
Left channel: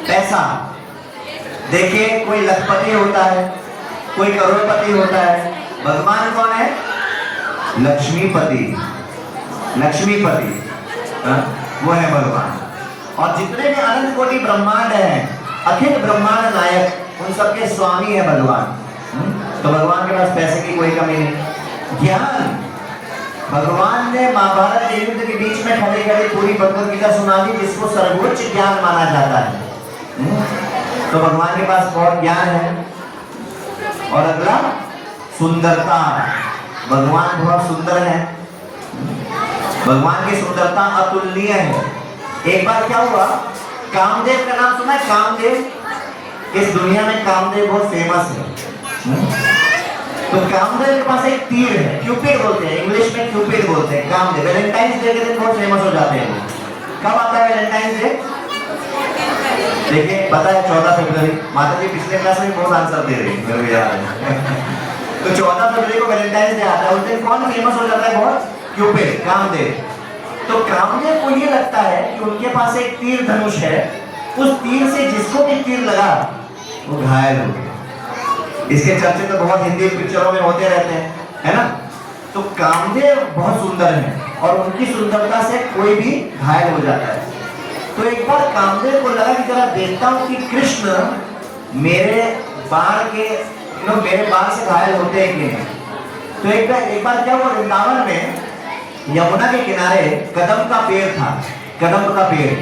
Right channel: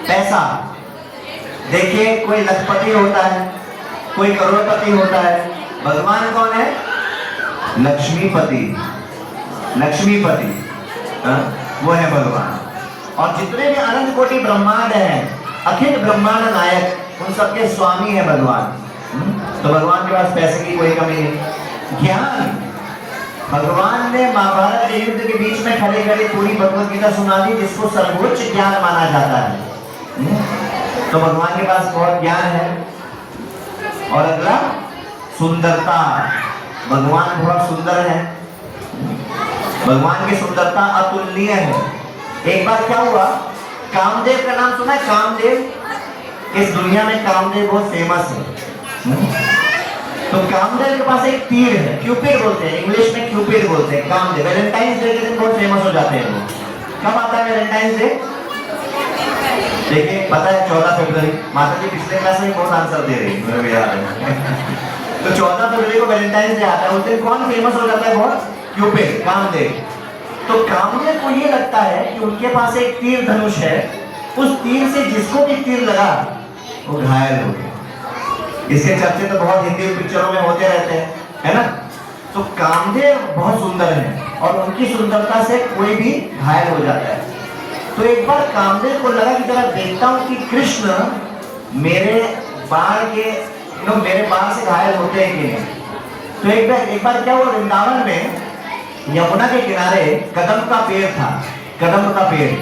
पैसा। देखिए, कोई लखपति होता है, कोई करोड़पति होता है। भगवान कौन है? लक्ष्मीपति। लक्ष्मीपति, वो है भगवान। और जितने भी अनंत कोटि ब्रह्मांड है, अखिल ब्रह्मांड नायक, उन सबके स्वामी है भगवान। तो भगवान के पास पैसे की कोई कमी नहीं। ज्ञान, भगवान ने महाभारत के युद्ध के बीच में खड़े खड़े पूरी भगवत गीता सुना दी, जिसको सर्वोच्च ज्ञान माना जाता है। तो भगवान के पास बहुत ज्ञान है। और अगला सुंदरता, भगवान बहुत सुंदर है। भगवान की सुंदरता अतुलनीय है। एक बार क्या हुआ, कामदेव का नाम सुना है? कामदेव, इस दुनिया में कामदेव बहुत फेमस है। तो कामदेव के पास एक तीर है, क्यूपिड बोलते हैं, इंग्लिश में क्यूपिड बोलते हैं। कामदेव वैलेंटाइंस डे के दिन बहुत फेमस हो जाते हैं। कब आता है वैलेंटाइंस डे? देखिए पता है 14 फरवरी। माता जी पिछले क्लास में बहुत आंसर दे रही, मेरे को याद है। तो 14 फरवरी को वैलेंटाइंस डे आता है। उस दिन कौन फेमस हो जाता है बहुत? क्यूपिड, कामदेव। तो कामदेव को ये लगता है कि उनके पास एक तीर धनुष है, उस तीर से जिसको भी तीर लगा वो घायल हो गया। इसके चर्चे तो बहुत हिंदी पिक्चरों में होते रहते हैं, है ना? तो कामदेव बहुत सुंदर है और उनकी सुंदरता से कोई भी घायल हो जाता है। तो एक बार कामदेव को लगा कि जरा देखता हूँ कि कृष्ण मेरे बाण से घायल होते हैं कि नहीं। तो एक बार क्या हुआ, वृंदावन में यमुना के किनारे कदम का पेड़ था। कदम का पेड़,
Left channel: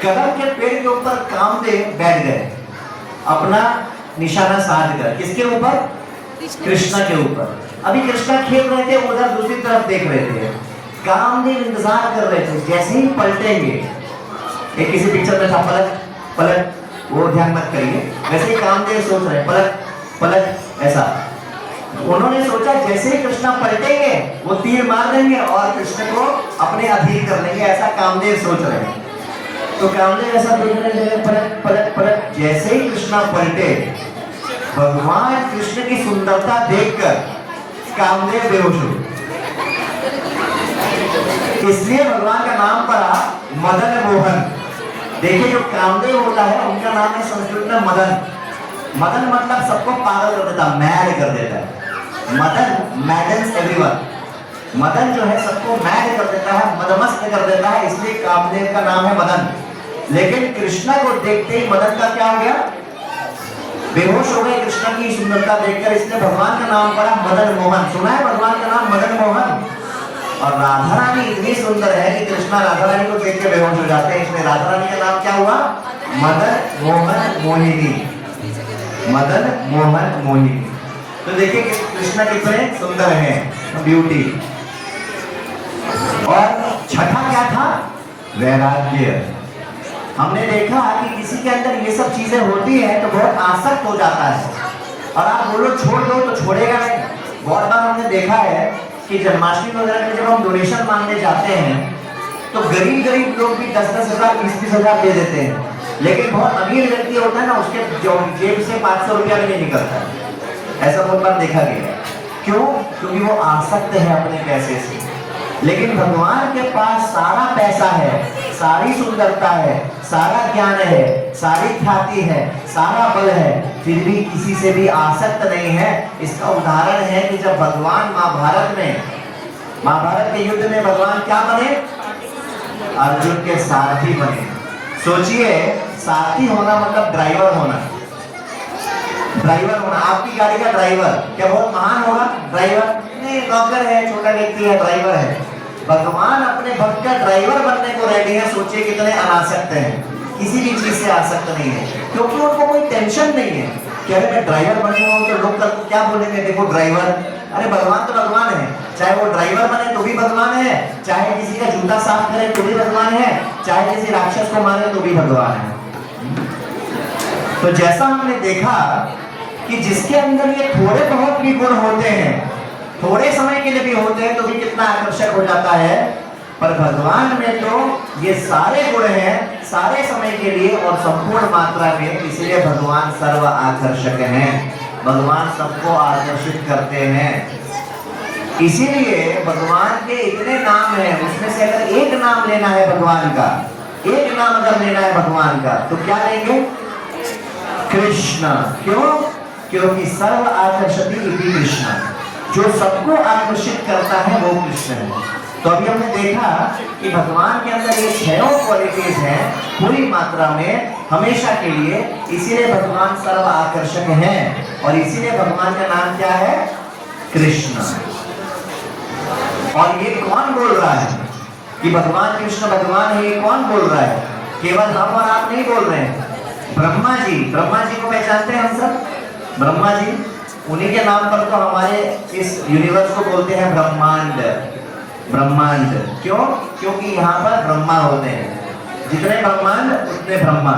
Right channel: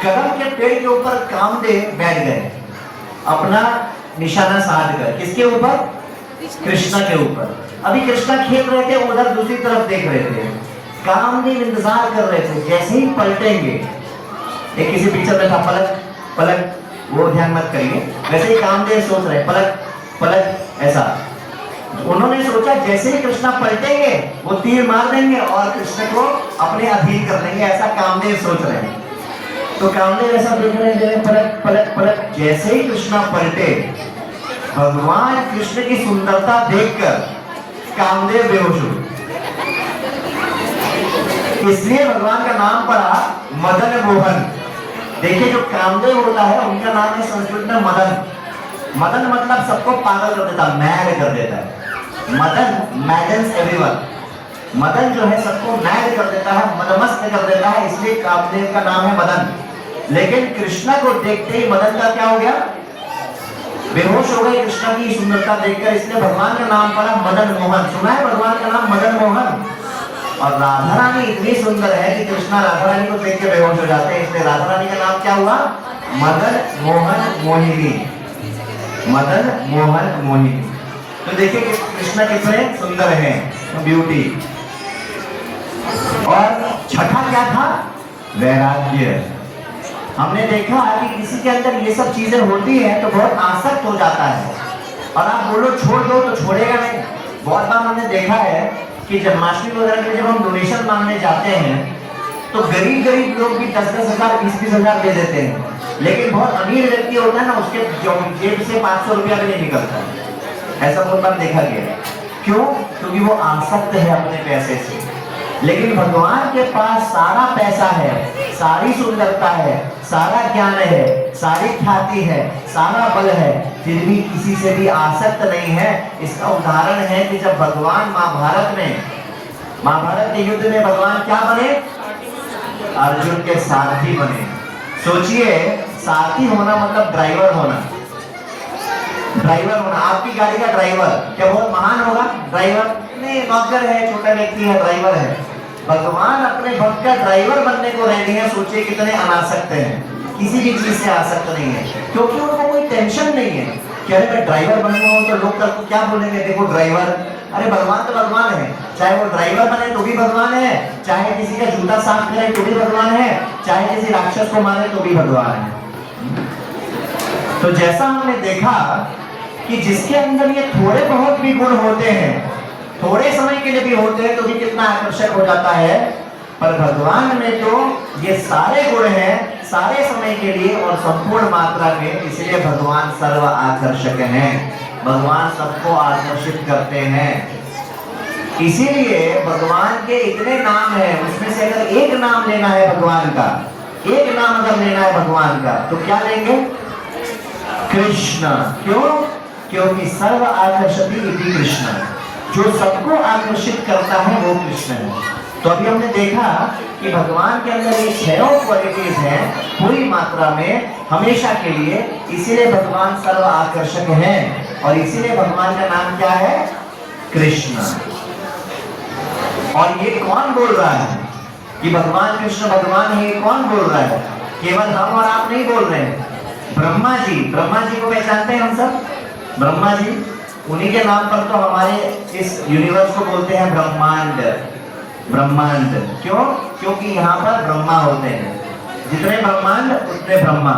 कदम के पेड़ के ऊपर कामदेव बैठ गए, अपना निशाना साध कर। किसके ऊपर? कृष्णा के ऊपर। अभी कृष्णा खेल रहे थे, उधर दूसरी तरफ देख रहे थे। कामदेव इंतजार कर रहे थे जैसे ही पलटेंगे। एक किसी पिक्चर में था पलट पलट, वो ध्यान मत करिए। वैसे ही कामदेव सोच रहे पलट पलट, ऐसा। उन्होंने सोचा जैसे ही कृष्णा पलटेंगे वो तीर मार देंगे और कृष्ण को अपने अधीन कर लेंगे, ऐसा कामदेव सोच रहे हैं। तो कामदेव ऐसा देख रहे हैं, पलट पलट पलट। जैसे ही कृष्णा पलटे, भगवान कृष्ण की सुंदरता देखकर कामदेव बेहोश हो। इसलिए भगवान का नाम पड़ा मदन मोहन। देखिए जो कामदेव होता है उनका नाम है संस्कृत में मदन। मदन मतलब सबको पागल कर देता, मैड कर देता है। मदन, मैडन्स एवरीवन। मदन जो है सबको मैड कर देता है, मदमस्त कर देता है, इसलिए कामदेव का नाम है मदन। लेकिन कृष्णा को देखते ही मदन का क्या हो गया? बेहोश हो गए कृष्णा की सुंदरता देखकर, इसलिए भगवान का नाम पड़ा मदन मोहन। सुना है भगवान का नाम मदन मोहन। और राधा रानी इतनी सुंदर है कि कृष्णा राधा रानी को देख के बेहोश हो जाते हैं, इसलिए राधा रानी का नाम क्या हुआ? मदन मोहन मोहिनी। मदन मोहन मोहिनी। तो देखिए कृष्णा कितने सुंदर हैं, ब्यूटी। और छठा क्या था? वैराग्य। हमने देखा कि किसी के अंदर ये सब चीजें होती है तो बहुत आसक्त हो जाता है, और आप बोलो छोड़ दो तो छोड़ेगा नहीं। बहुत बार हमने देखा है कि जन्माष्टमी वगैरह में जब हम डोनेशन मांगने जाते हैं तो गरीब गरीब लोग भी 10-10 हजार 20-20 हजार दे देते हैं, लेकिन बहुत अमीर व्यक्ति होता है ना, उसके जेब से 500 रुपया भी नहीं निकलता। ऐसा बहुत बार देखा गया। क्यों? क्योंकि वो आसक्त है अपने पैसे से। लेकिन भगवान के पास सारा पैसा है, सारी सुंदरता है, सारा ज्ञान है, सारी ख्याति है, सारा बल है, फिर भी किसी से भी आसक्त नहीं है। इसका उदाहरण है कि जब भगवान महाभारत के युद्ध में भगवान क्या बने? अर्जुन के सारथी बने। सोचिए, सारथी होना मतलब ड्राइवर होना। ड्राइवर होना, आपकी गाड़ी का ड्राइवर क्या बहुत महान होगा? ड्राइवर नहीं, नौकर है, छोटा व्यक्ति है, ड्राइवर है। भगवान अपने भक्त का ड्राइवर बनने को रेडी है। सोचिए कितने अनासक्त हैं, किसी भी चीज से आसक्त नहीं है, क्योंकि उनको कोई टेंशन नहीं है कि अरे मैं ड्राइवर बनूंगा तो लोग तो क्या बोलेंगे, देखो ड्राइवर। अरे भगवान तो भगवान है, चाहे वो ड्राइवर बने तो भी भगवान है, चाहे किसी का जूता साफ करे तो भी भगवान है, चाहे किसी राक्षस को मारे तो भी भगवान है। तो जैसा हमने देखा कि जिसके अंदर ये थोड़े बहुत भी गुण होते हैं, थोड़े समय के लिए भी होते हैं, तो भी कितना आकर्षक हो जाता है। पर भगवान में तो ये सारे गुण हैं, सारे समय के लिए और संपूर्ण मात्रा में, इसलिए भगवान सर्व आकर्षक हैं। भगवान सबको आकर्षित करते हैं। इसीलिए भगवान के इतने नाम हैं, उसमें से अगर एक नाम लेना है भगवान का, एक नाम अगर लेना है भगवान का, तो क्या लेंगे? कृष्ण। क्यों? क्योंकि सर्व आकर्षति इति कृष्ण। जो सबको आकर्षित करता है वो कृष्ण है। तो अभी हमने देखा कि भगवान के अंदर ये छह क्वालिटीज हैं पूरी मात्रा में हमेशा के लिए, इसीलिए भगवान सर्व आकर्षक हैं और इसीलिए भगवान का नाम क्या है? कृष्ण। और ये कौन बोल रहा है कि भगवान कृष्ण भगवान है? ये कौन बोल रहा है? केवल हम और आप नहीं बोल रहे हैं, ब्रह्मा जी। ब्रह्मा जी को पहचानते हैं हम सब? ब्रह्मा जी, उन्हीं के नाम पर तो हमारे इस यूनिवर्स को बोलते हैं ब्रह्मांड। ब्रह्मांड क्यों? क्योंकि यहाँ पर ब्रह्मा होते हैं, जितने ब्रह्मांड उतने ब्रह्मा।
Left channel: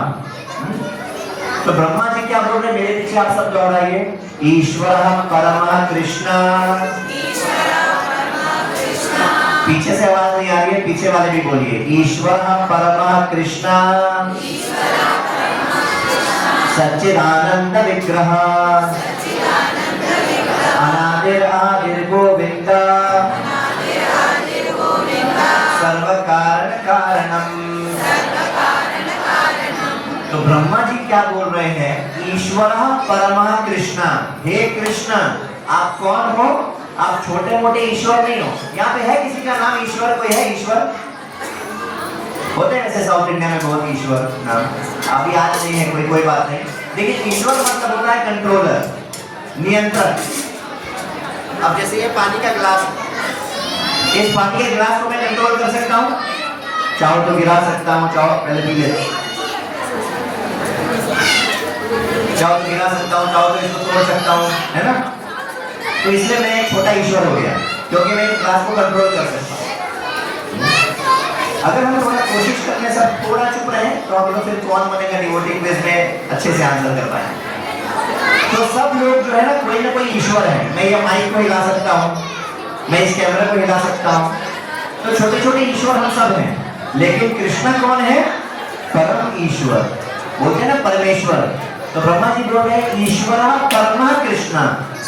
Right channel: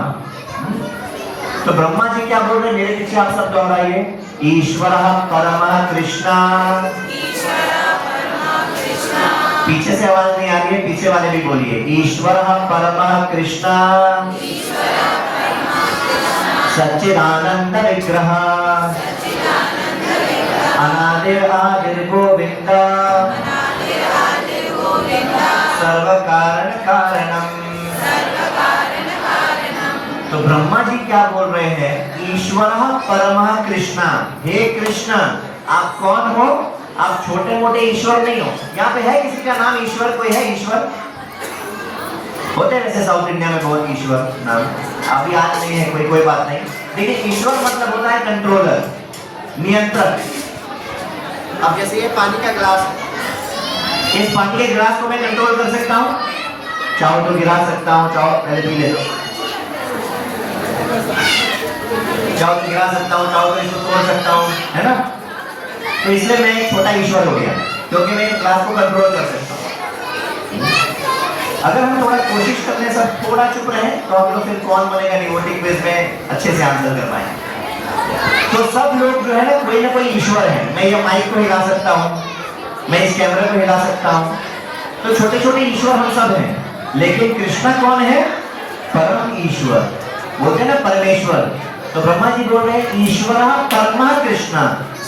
तो ब्रह्मा जी क्या बोल रहे हैं? मेरे पीछे आप सब दोहराइए, ईश्वरः परमः कृष्ण। पीछे से आवाज नहीं आ रही है, पीछे वाले भी बोलिए, ईश्वरः परमः कृष्ण सच्चिदानंद विग्रह अनादिर आदिर गोविंद सर्व कारण कारणम। तो ब्रह्मा जी क्या बोल रहे हैं? ईश्वरः परमः कृष्ण। हे कृष्ण, आप कौन हो? आप छोटे मोटे ईश्वर नहीं हो। यहाँ पे है किसी का नाम ईश्वर? कोई है ईश्वर? होते हैं वैसे साउथ इंडिया में बहुत ईश्वर नाम, अभी आज नहीं है कोई, कोई बात नहीं। लेकिन ईश्वर मतलब होता है कंट्रोलर, नियंत्रक। अब जैसे ये पानी का गिलास, इस पानी के गिलास को मैं कंट्रोल कर सकता हूँ, चाहो तो गिरा सकता हूँ, चाहो पहले पी ले, चाहो तो गिरा सकता हूँ, चाहो तो इसको तोड़ सकता हूँ, है ना? तो इसलिए मैं एक छोटा ईश्वर हो गया, क्योंकि मैं गिलास को कंट्रोल कर सकता हूँ। अगर हम थोड़ा कोशिश करने से थोड़ा चुप रहे तो हम लोग फिर कौन बनेगा डिवोटी क्विज में अच्छे से आंसर कर पाएंगे। तो सब लोग जो है ना कोई ईश्वर है। मैं ये माइक को हिला सकता हूँ, मैं इस कैमरा को हिला सकता हूँ, तो छोटे छोटे ईश्वर हम सब हैं। लेकिन कृष्ण कौन है? परम ईश्वर, बोलते हैं ना परमेश्वर। तो ब्रह्मा जी बोल रहे हैं ईश्वर परम कृष्ण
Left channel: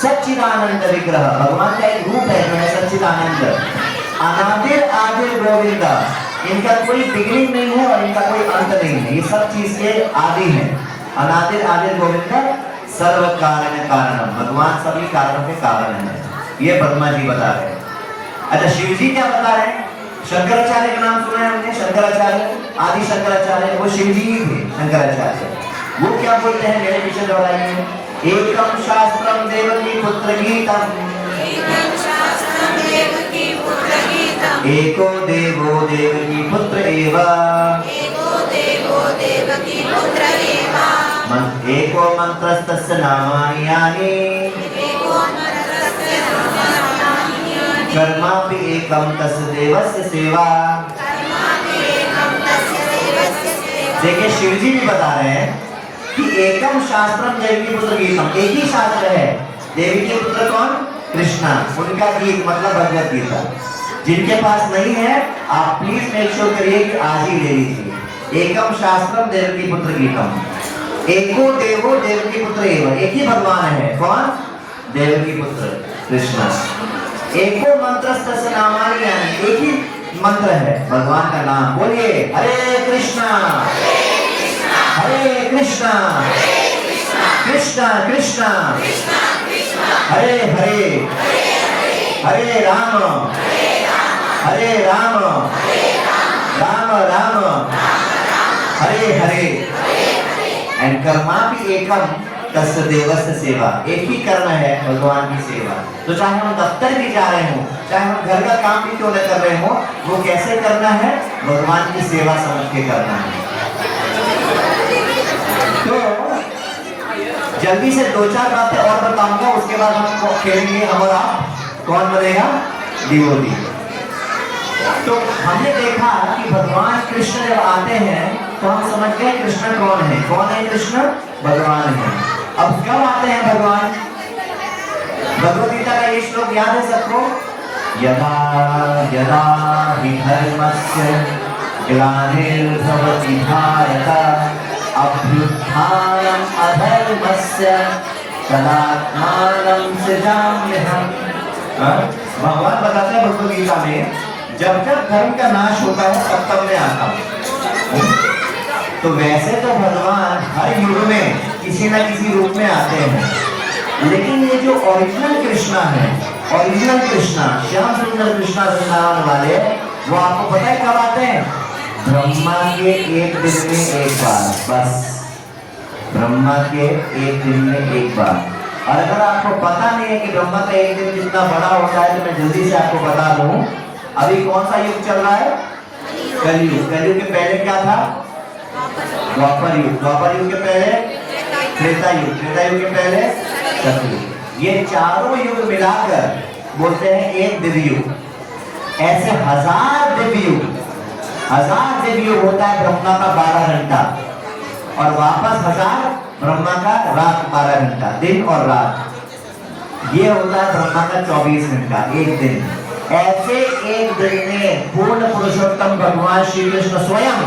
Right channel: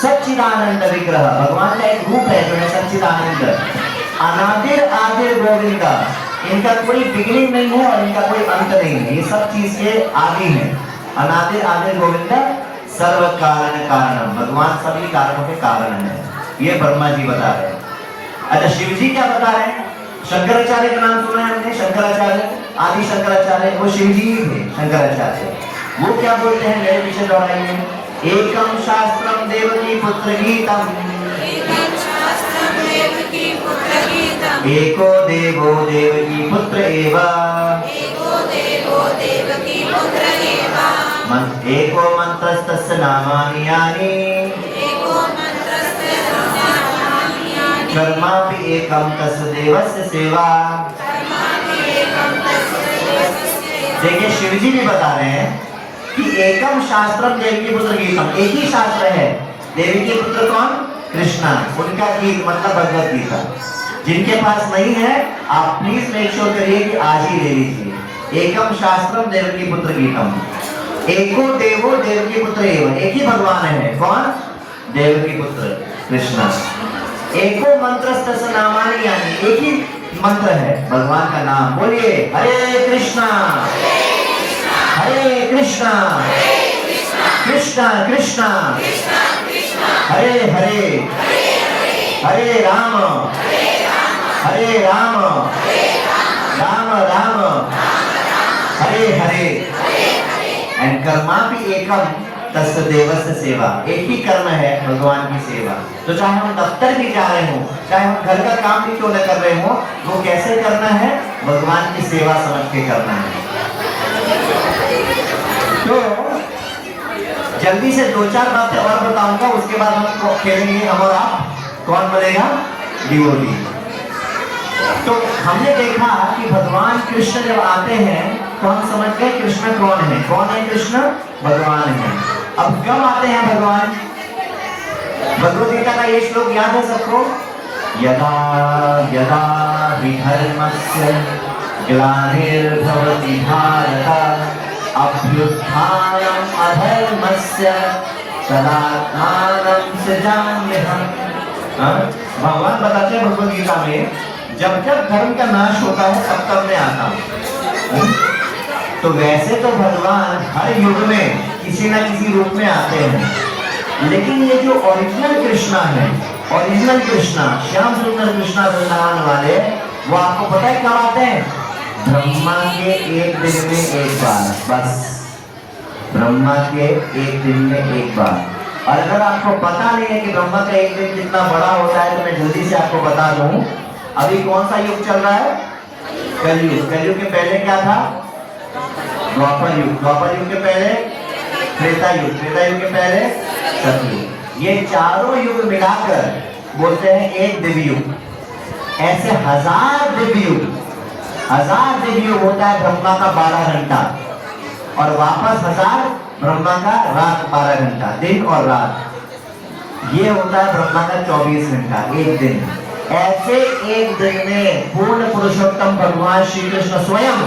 सच्चिदानंद विग्रह। भगवान का एक रूप है जो है सच्चिदानंद। अनादिर आदिर गोविंद, इनका कोई बिगिनिंग नहीं है और इनका कोई अंत नहीं है, ये सब चीज के आदि है। अनादिर आदिर गोविंद सर्व कारण कारणम, भगवान सभी कारणों के कारण है। ये ब्रह्मा जी बता रहे हैं। अच्छा, शिव जी क्या बता रहे हैं? शंकराचार्य का नाम सुना है हमने, शंकराचार्य, आदि शंकराचार्य, वो शिव जी ही थे शंकराचार्य। वो क्या बोलते हैं? मेरे पीछे दोहराइए, एकम शास्त्रम देवकी पुत्र गीतम, एको देवो देवकी पुत्र एव, एको मंत्रस्तस्य नामानि यानि कर्मापि एकम तस्य देवस्य सेवा। देखिए शिव जी भी बता रहे हैं कि एकम शास्त्रम देवकी पुत्र गीतम, एक ही शास्त्र है। देवी के पुत्र कौन? कृष्णा, उनका गीत मतलब भगवत गीता। जिनके पास नहीं है आप प्लीज मेक श्योर करिए कि आज ही ले लीजिए। एकम शास्त्रम देवकी पुत्र गीतम, एको देवो देवकी पुत्र एव, एक ही भगवान है। कौन? देवकी पुत्र कृष्ण। एको मंत्रस्तस्य नामानि यानि, एक ही मंत्र है भगवान का नाम। बोलिए हरे कृष्णा हरे कृष्णा कृष्णा कृष्णा हरे हरे हरे राम राम राम हरे हरे। एंड कर्मापि एकम तस्य देवस्य सेवा, एक ही कर्म है भगवान की सेवा। तो चाहे हम दफ्तर भी जा रहे हो, चाहे हम घर का काम भी क्यों न कर रहे हो, वो कैसे करना है? भगवान की सेवा समझ के करना है। तो जल्दी से दो चार बातें और बताऊंगा, उसके बाद हम खेलेंगे हम और आप, कौन बोलेगा? डिवोटी। तो हमने देखा कि भगवान कृष्ण जब आते हैं तो हम समझ गए कृष्ण कौन है। कौन है कृष्ण? भगवान है। अब कब आते हैं भगवान? भगवद गीता का ये श्लोक याद है सबको? यदा यदा हि धर्मस्य ग्लानिर्भवति भारत अभ्युत्थानम् अधर्मस्य तदात्मानं सृजाम्यहम्। भगवान बताते हैं भगवद गीता में, जब जब धर्म का नाश होता है तब तब मैं आता हूँ। तो वैसे तो भगवान हर युग में किसी न किसी रूप में आते हैं, लेकिन ये जो ओरिजिनल कृष्णा है ओरिजिनल कृष्णा, श्याम सुंदर कृष्णा वृंदावन वाले, वो आपको पता है कब आते हैं? ब्रह्मा के एक दिन में एक बार, बस ब्रह्मा के एक दिन में एक बार। और अगर आपको पता नहीं है कि ब्रह्मा का एक दिन कितना बड़ा होता है तो मैं जल्दी से आपको बता दूं। अभी कौन सा युग चल रहा है? कलयुग। कलयुग के पहले क्या था? द्वापर युग। द्वापर युग के पहले त्रेता युग। त्रेता युग के पहले सतयुग। ये चारों युग मिलाकर बोलते हैं एक दिव्य युग। ऐसे 1000 दिव्य युग, 1000 दिव्य युग होता है ब्रह्मा का 12 घंटा, और वापस 1000 ब्रह्मा का रात 12 घंटा, दिन और रात। ये होता है ब्रह्मा का 24 घंटा, एक दिन। ऐसे एक दिन में पूर्ण पुरुषोत्तम भगवान श्री कृष्ण स्वयं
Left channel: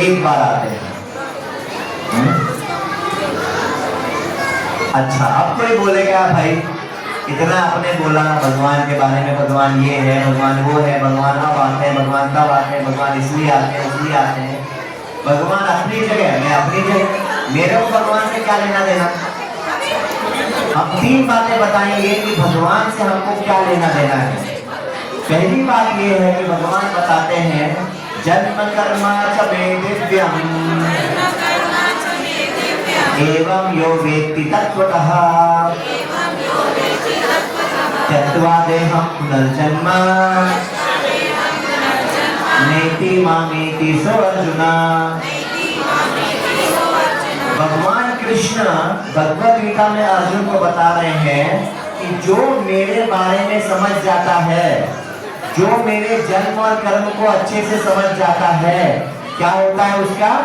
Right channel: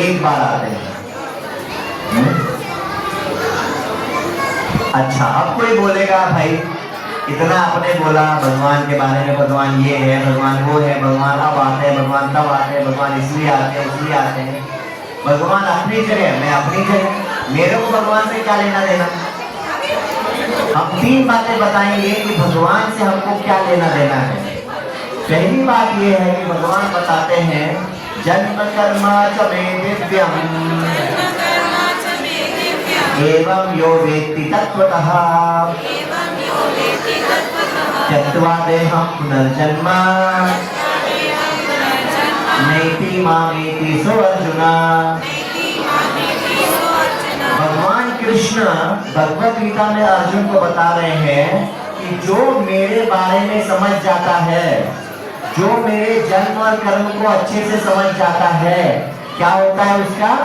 एक बार आते हैं। अच्छा, अब कोई बोलेगा भाई इतना आपने बोला भगवान के बारे में, भगवान ये है, भगवान वो है, भगवान अब आते हैं, भगवान तब आते हैं, भगवान इसलिए आते हैं, इसलिए आते हैं। भगवान अपनी जगह, मैं अपनी जगह, मेरे को भगवान से क्या लेना देना? हम 3 बातें बताएंगे कि भगवान से हमको क्या लेना देना है। पहली बात ये है कि भगवान बताते हैं जन्म कर्मा च मे दिव्यम एवं यो वेत्ति तत्त्वतः त्यक्त्वा देहं पुनर्जन्म नैति मामेति सो अर्जुन। भगवान कृष्ण भगवद गीता में अर्जुन को बता रहे हैं कि जो मेरे बारे में समझ जाता है, जो मेरे जन्म और कर्म को अच्छे से समझ जाता है, क्या होता है उसका?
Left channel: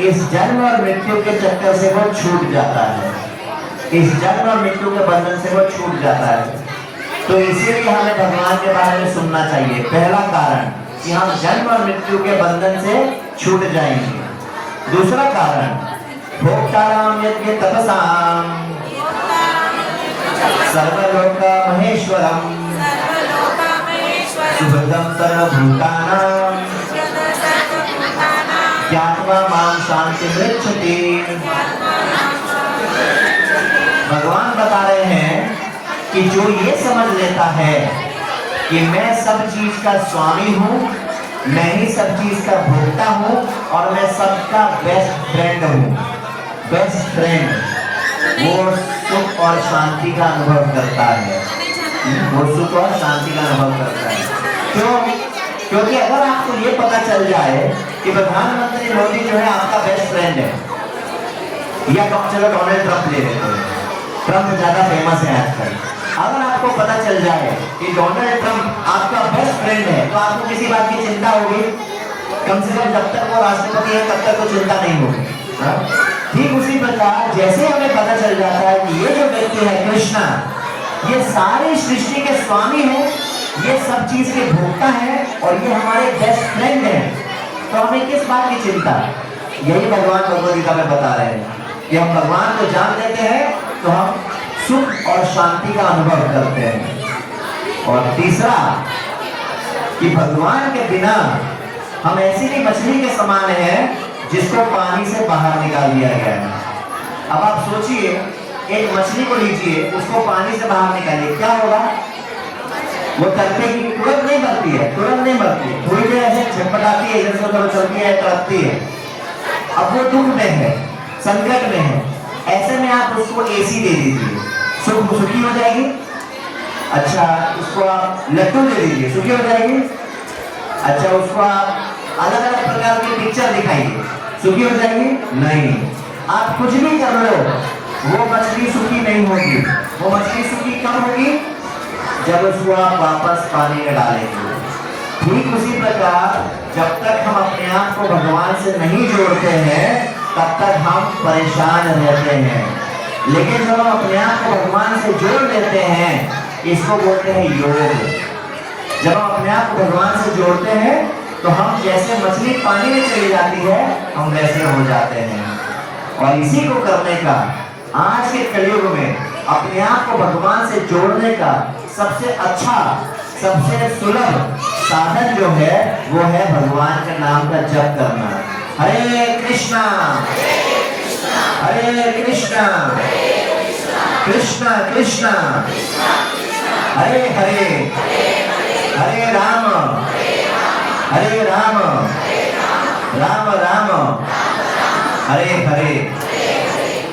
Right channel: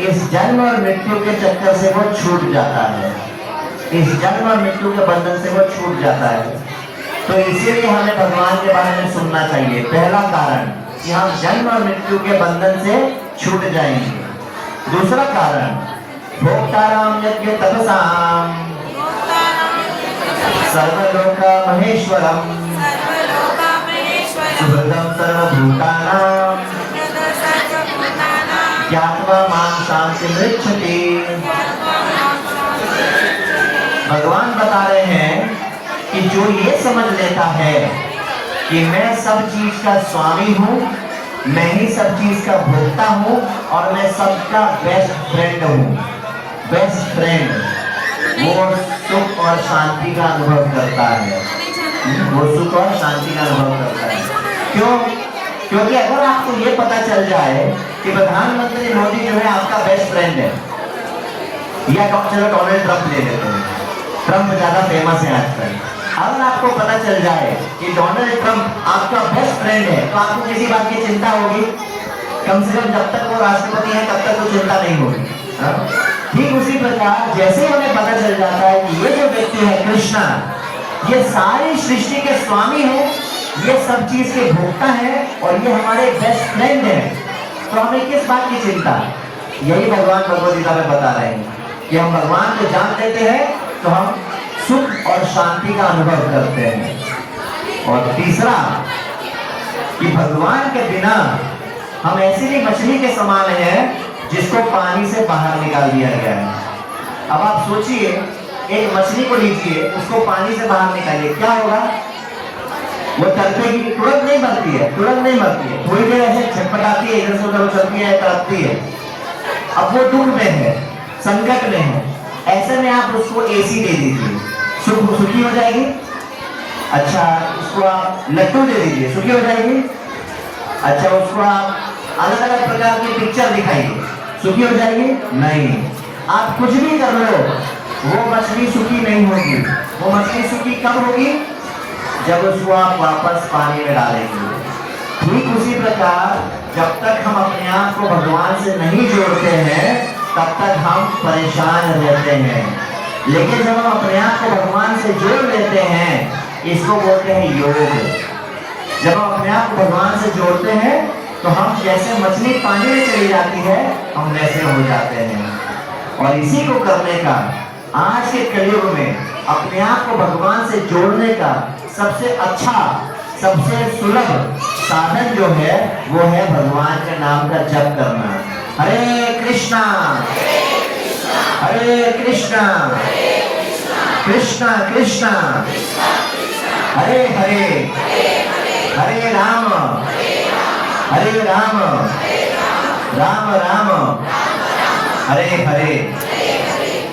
इस जन्म और मृत्यु के चक्कर से वो छूट जाता है, इस जन्म और मृत्यु के बंधन से वो छूट जाता है। तो इसीलिए हमें भगवान के बारे में सुनना चाहिए। पहला कारण कि हम जन्म और मृत्यु के बंधन से छूट जाएंगे। दूसरा कारण, भोक्ताराम यज्ञ तपसाम सर्वलोक महेश्वरम सुहृदं सर्वभूतानां ज्ञात्वा मां शान्तिमृच्छति। भगवान बता रहे हैं कि जो ये समझ लेता है कि मैं सब चीज का स्वामी हूँ, मैं ही सब चीज का भोक्ता हूँ और मैं सबका बेस्ट फ्रेंड हूँ, बेस्ट फ्रेंड, वो सुख और शांति का अनुभव करता है। वो सुख और शांति का अनुभव करता है। क्यों? क्योंकि अगर आपको ये पता चल जाए कि प्रधानमंत्री मोदी जो है आपका बेस्ट फ्रेंड है, या चलो डोनाल्ड ट्रंप ले लेते हैं, ट्रंप ज्यादा फेमस है आजकल। अगर आपको पता चल जाए कि डोनाल्ड ट्रंप आपका बेस्ट फ्रेंड है, तो आपको किसी बात की चिंता होगी? कम से कम जब तक वो राष्ट्रपति है तब तक तो चिंता नहीं होगी। ठीक उसी प्रकार जैसे हमें पता चल जाता है कि ये जो व्यक्ति है कृष्णा, ये सारी सृष्टि के स्वामी है, ये सब चीज के भोक्ता है और ये हमारे बेस्ट फ्रेंड है, तो हमें किस बात की चिंता? यही भगवान भगवद गीता में बता रहे हैं कि हम भगवान को जान लेते हैं तो हम सुख और शांति का अनुभव करते हैं। और तीसरा कि भगवान के बिना हम ऐसी ही मछली के समान हैं जिसको पानी से बाहर निकाल दिया गया है। अब आप सोचिए, एक मछली को लीजिए, उसको पानी से बाहर निकालिए, क्या होगा? वो तड़पेगी, तुरंत नहीं मरती है, तुरंत नहीं मरती है, थोड़ी देर ऐसे छटपटाती है, इधर से उधर चलती है, तड़पती है। अब वो दुख में है, संकट में है, ऐसे में आप उसको एसी दे दीजिए, सुखी हो जाएगी। अच्छा, उसको आप लड्डू दे दीजिए, सुखी हो जाएगी। अच्छा, उसको आप अलग अलग प्रकार की पिक्चर दिखाइए, सुखी हो जाएगी? नहीं। आप कुछ भी कर लो, वो मछली सुखी नहीं होगी। वो मछली सुखी कब होगी? जब उसको आप वापस पानी में डालेंगे। ठीक उसी प्रकार जब तक हम अपने आप को भगवान से नहीं जोड़ते हैं तब तक हम परेशान रहते हैं, लेकिन जब हम अपने आप को भगवान से जोड़ लेते हैं, इसको बोलते हैं योग। जब हम अपने आप को भगवान से जोड़ते हैं तो हम जैसे मछली पानी में चली जाती है, हम वैसे हो जाते हैं। और इसी को करने का आज के कलयुग में अपने आप को भगवान से जोड़ने का सबसे अच्छा, सबसे सुलभ साधन जो है वो है भगवान के नाम का जप करना। हरे कृष्णा हरे कृष्णा कृष्णा कृष्णा हरे हरे हरे राम राम राम हरे हरे।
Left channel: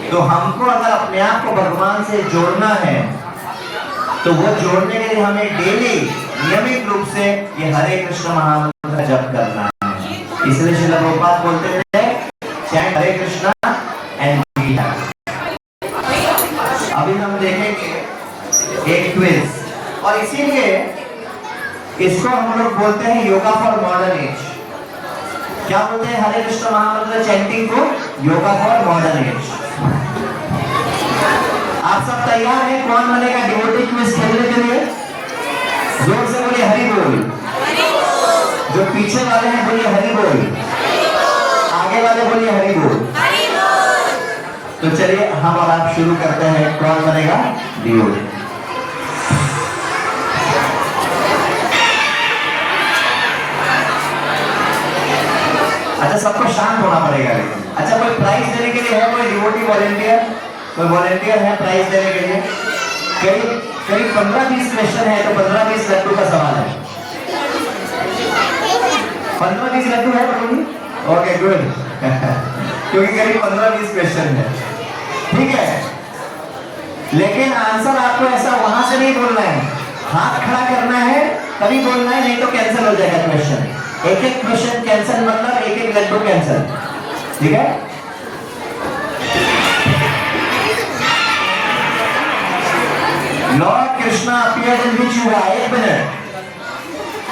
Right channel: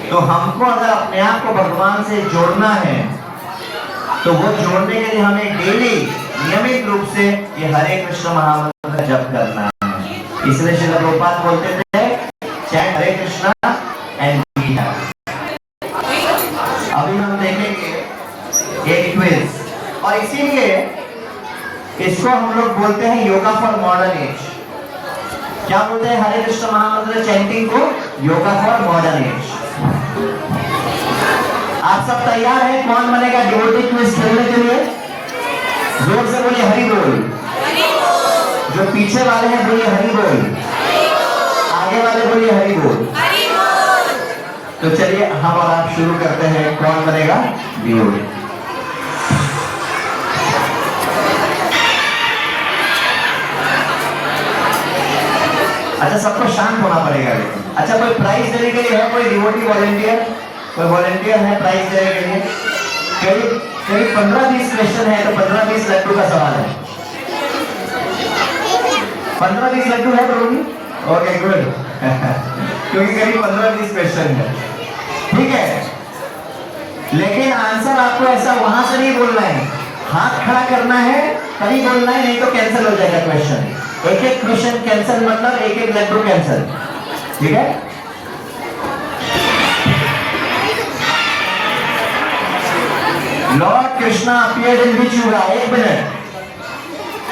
तो हमको अगर अपने आप को भगवान से जोड़ना है तो वो जोड़ने के लिए हमें डेली नियमित रूप से ये हरे कृष्ण महामंत्र जप करना है। इसलिए श्रील प्रभुपाद बोलते थे chant Hare Krishna and be happy. अभी हम देखेंगे एक क्विज और इसीलिए इसको हम लोग बोलते हैं योगा फॉर मॉडर्न एज। क्या बोलते हैं हरे कृष्ण महामंत्र चैंटिंग को? Yoga for modern age. आप सब तैयार हैं? कौन बनेगा डिवोटी क्विज खेलने के लिए? जोर से बोलिए हरि बोल। जो पीछे वाले हैं बोलिए हरि बोल, आगे वाले बोलिए हरि बोल। तो चलिए हम और आप शुरू करते हैं। कौन बनेगा डिवोटी? अच्छा सबको शांत होना पड़ेगा लेकिन। अच्छा कोई प्राइज देने के लिए है? कोई डिवोटी वॉलंटियर? कोई वॉलंटियर है प्राइज देने के लिए? करीब 15-20 क्वेश्चन है तो 15-20 लड्डू का सवाल है। 15-20 लड्डू है प्रभु जी? ओके गुड क्योंकि करीब 15-20 क्वेश्चन है। ठीक है, लेकिन आंसर आपको ऐसा वहां से नहीं बोलना है, हाथ खड़ा करना है तभी बोलना है, नहीं तो कैंसिल हो जाएगा क्वेश्चन। एक एक क्वेश्चन कैंसिल मतलब एक एक लड्डू कैंसिल। ठीक है, लॉर्ड कृष्णा अपीयर्ड इन विच युग? 1 मिनट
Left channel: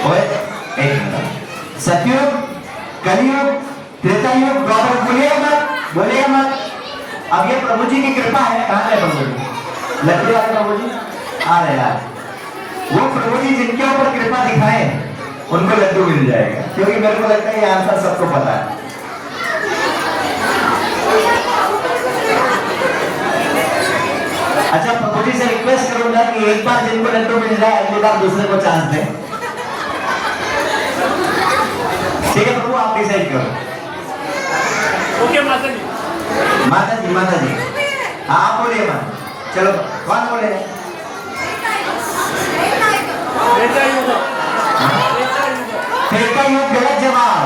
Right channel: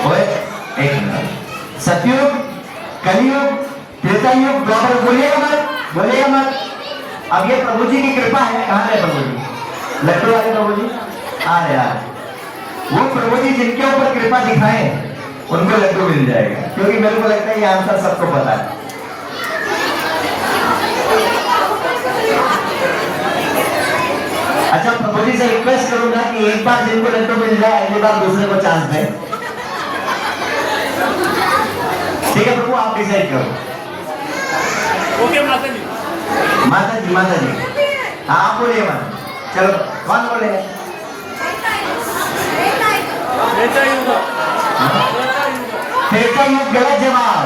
और 1 मिनट। सतयुग, कलयुग, त्रेता युग, द्वापर। बोलिए मत। अब ये प्रभु जी की कृपा है। कहां है प्रभु जी? लड्डू वाले प्रभु जी आ रहे यार। वो प्रभु जी जिनके ऊपर कृपा दिखाए उनको लड्डू मिल जाएगा, क्योंकि मेरे को लगता है ये आंसर सबको पता है। अच्छा प्रभु जी से रिक्वेस्ट करूंगा कि एक बार जिनको लड्डू मिल जाए अगली बार दूसरे को चांस दें। ठीक है प्रभु, आप डिसाइड करो। ओके माता जी। माता जी आप बोलिए मत। चलो कौन बोले? त्रेता युग गलत जवाब।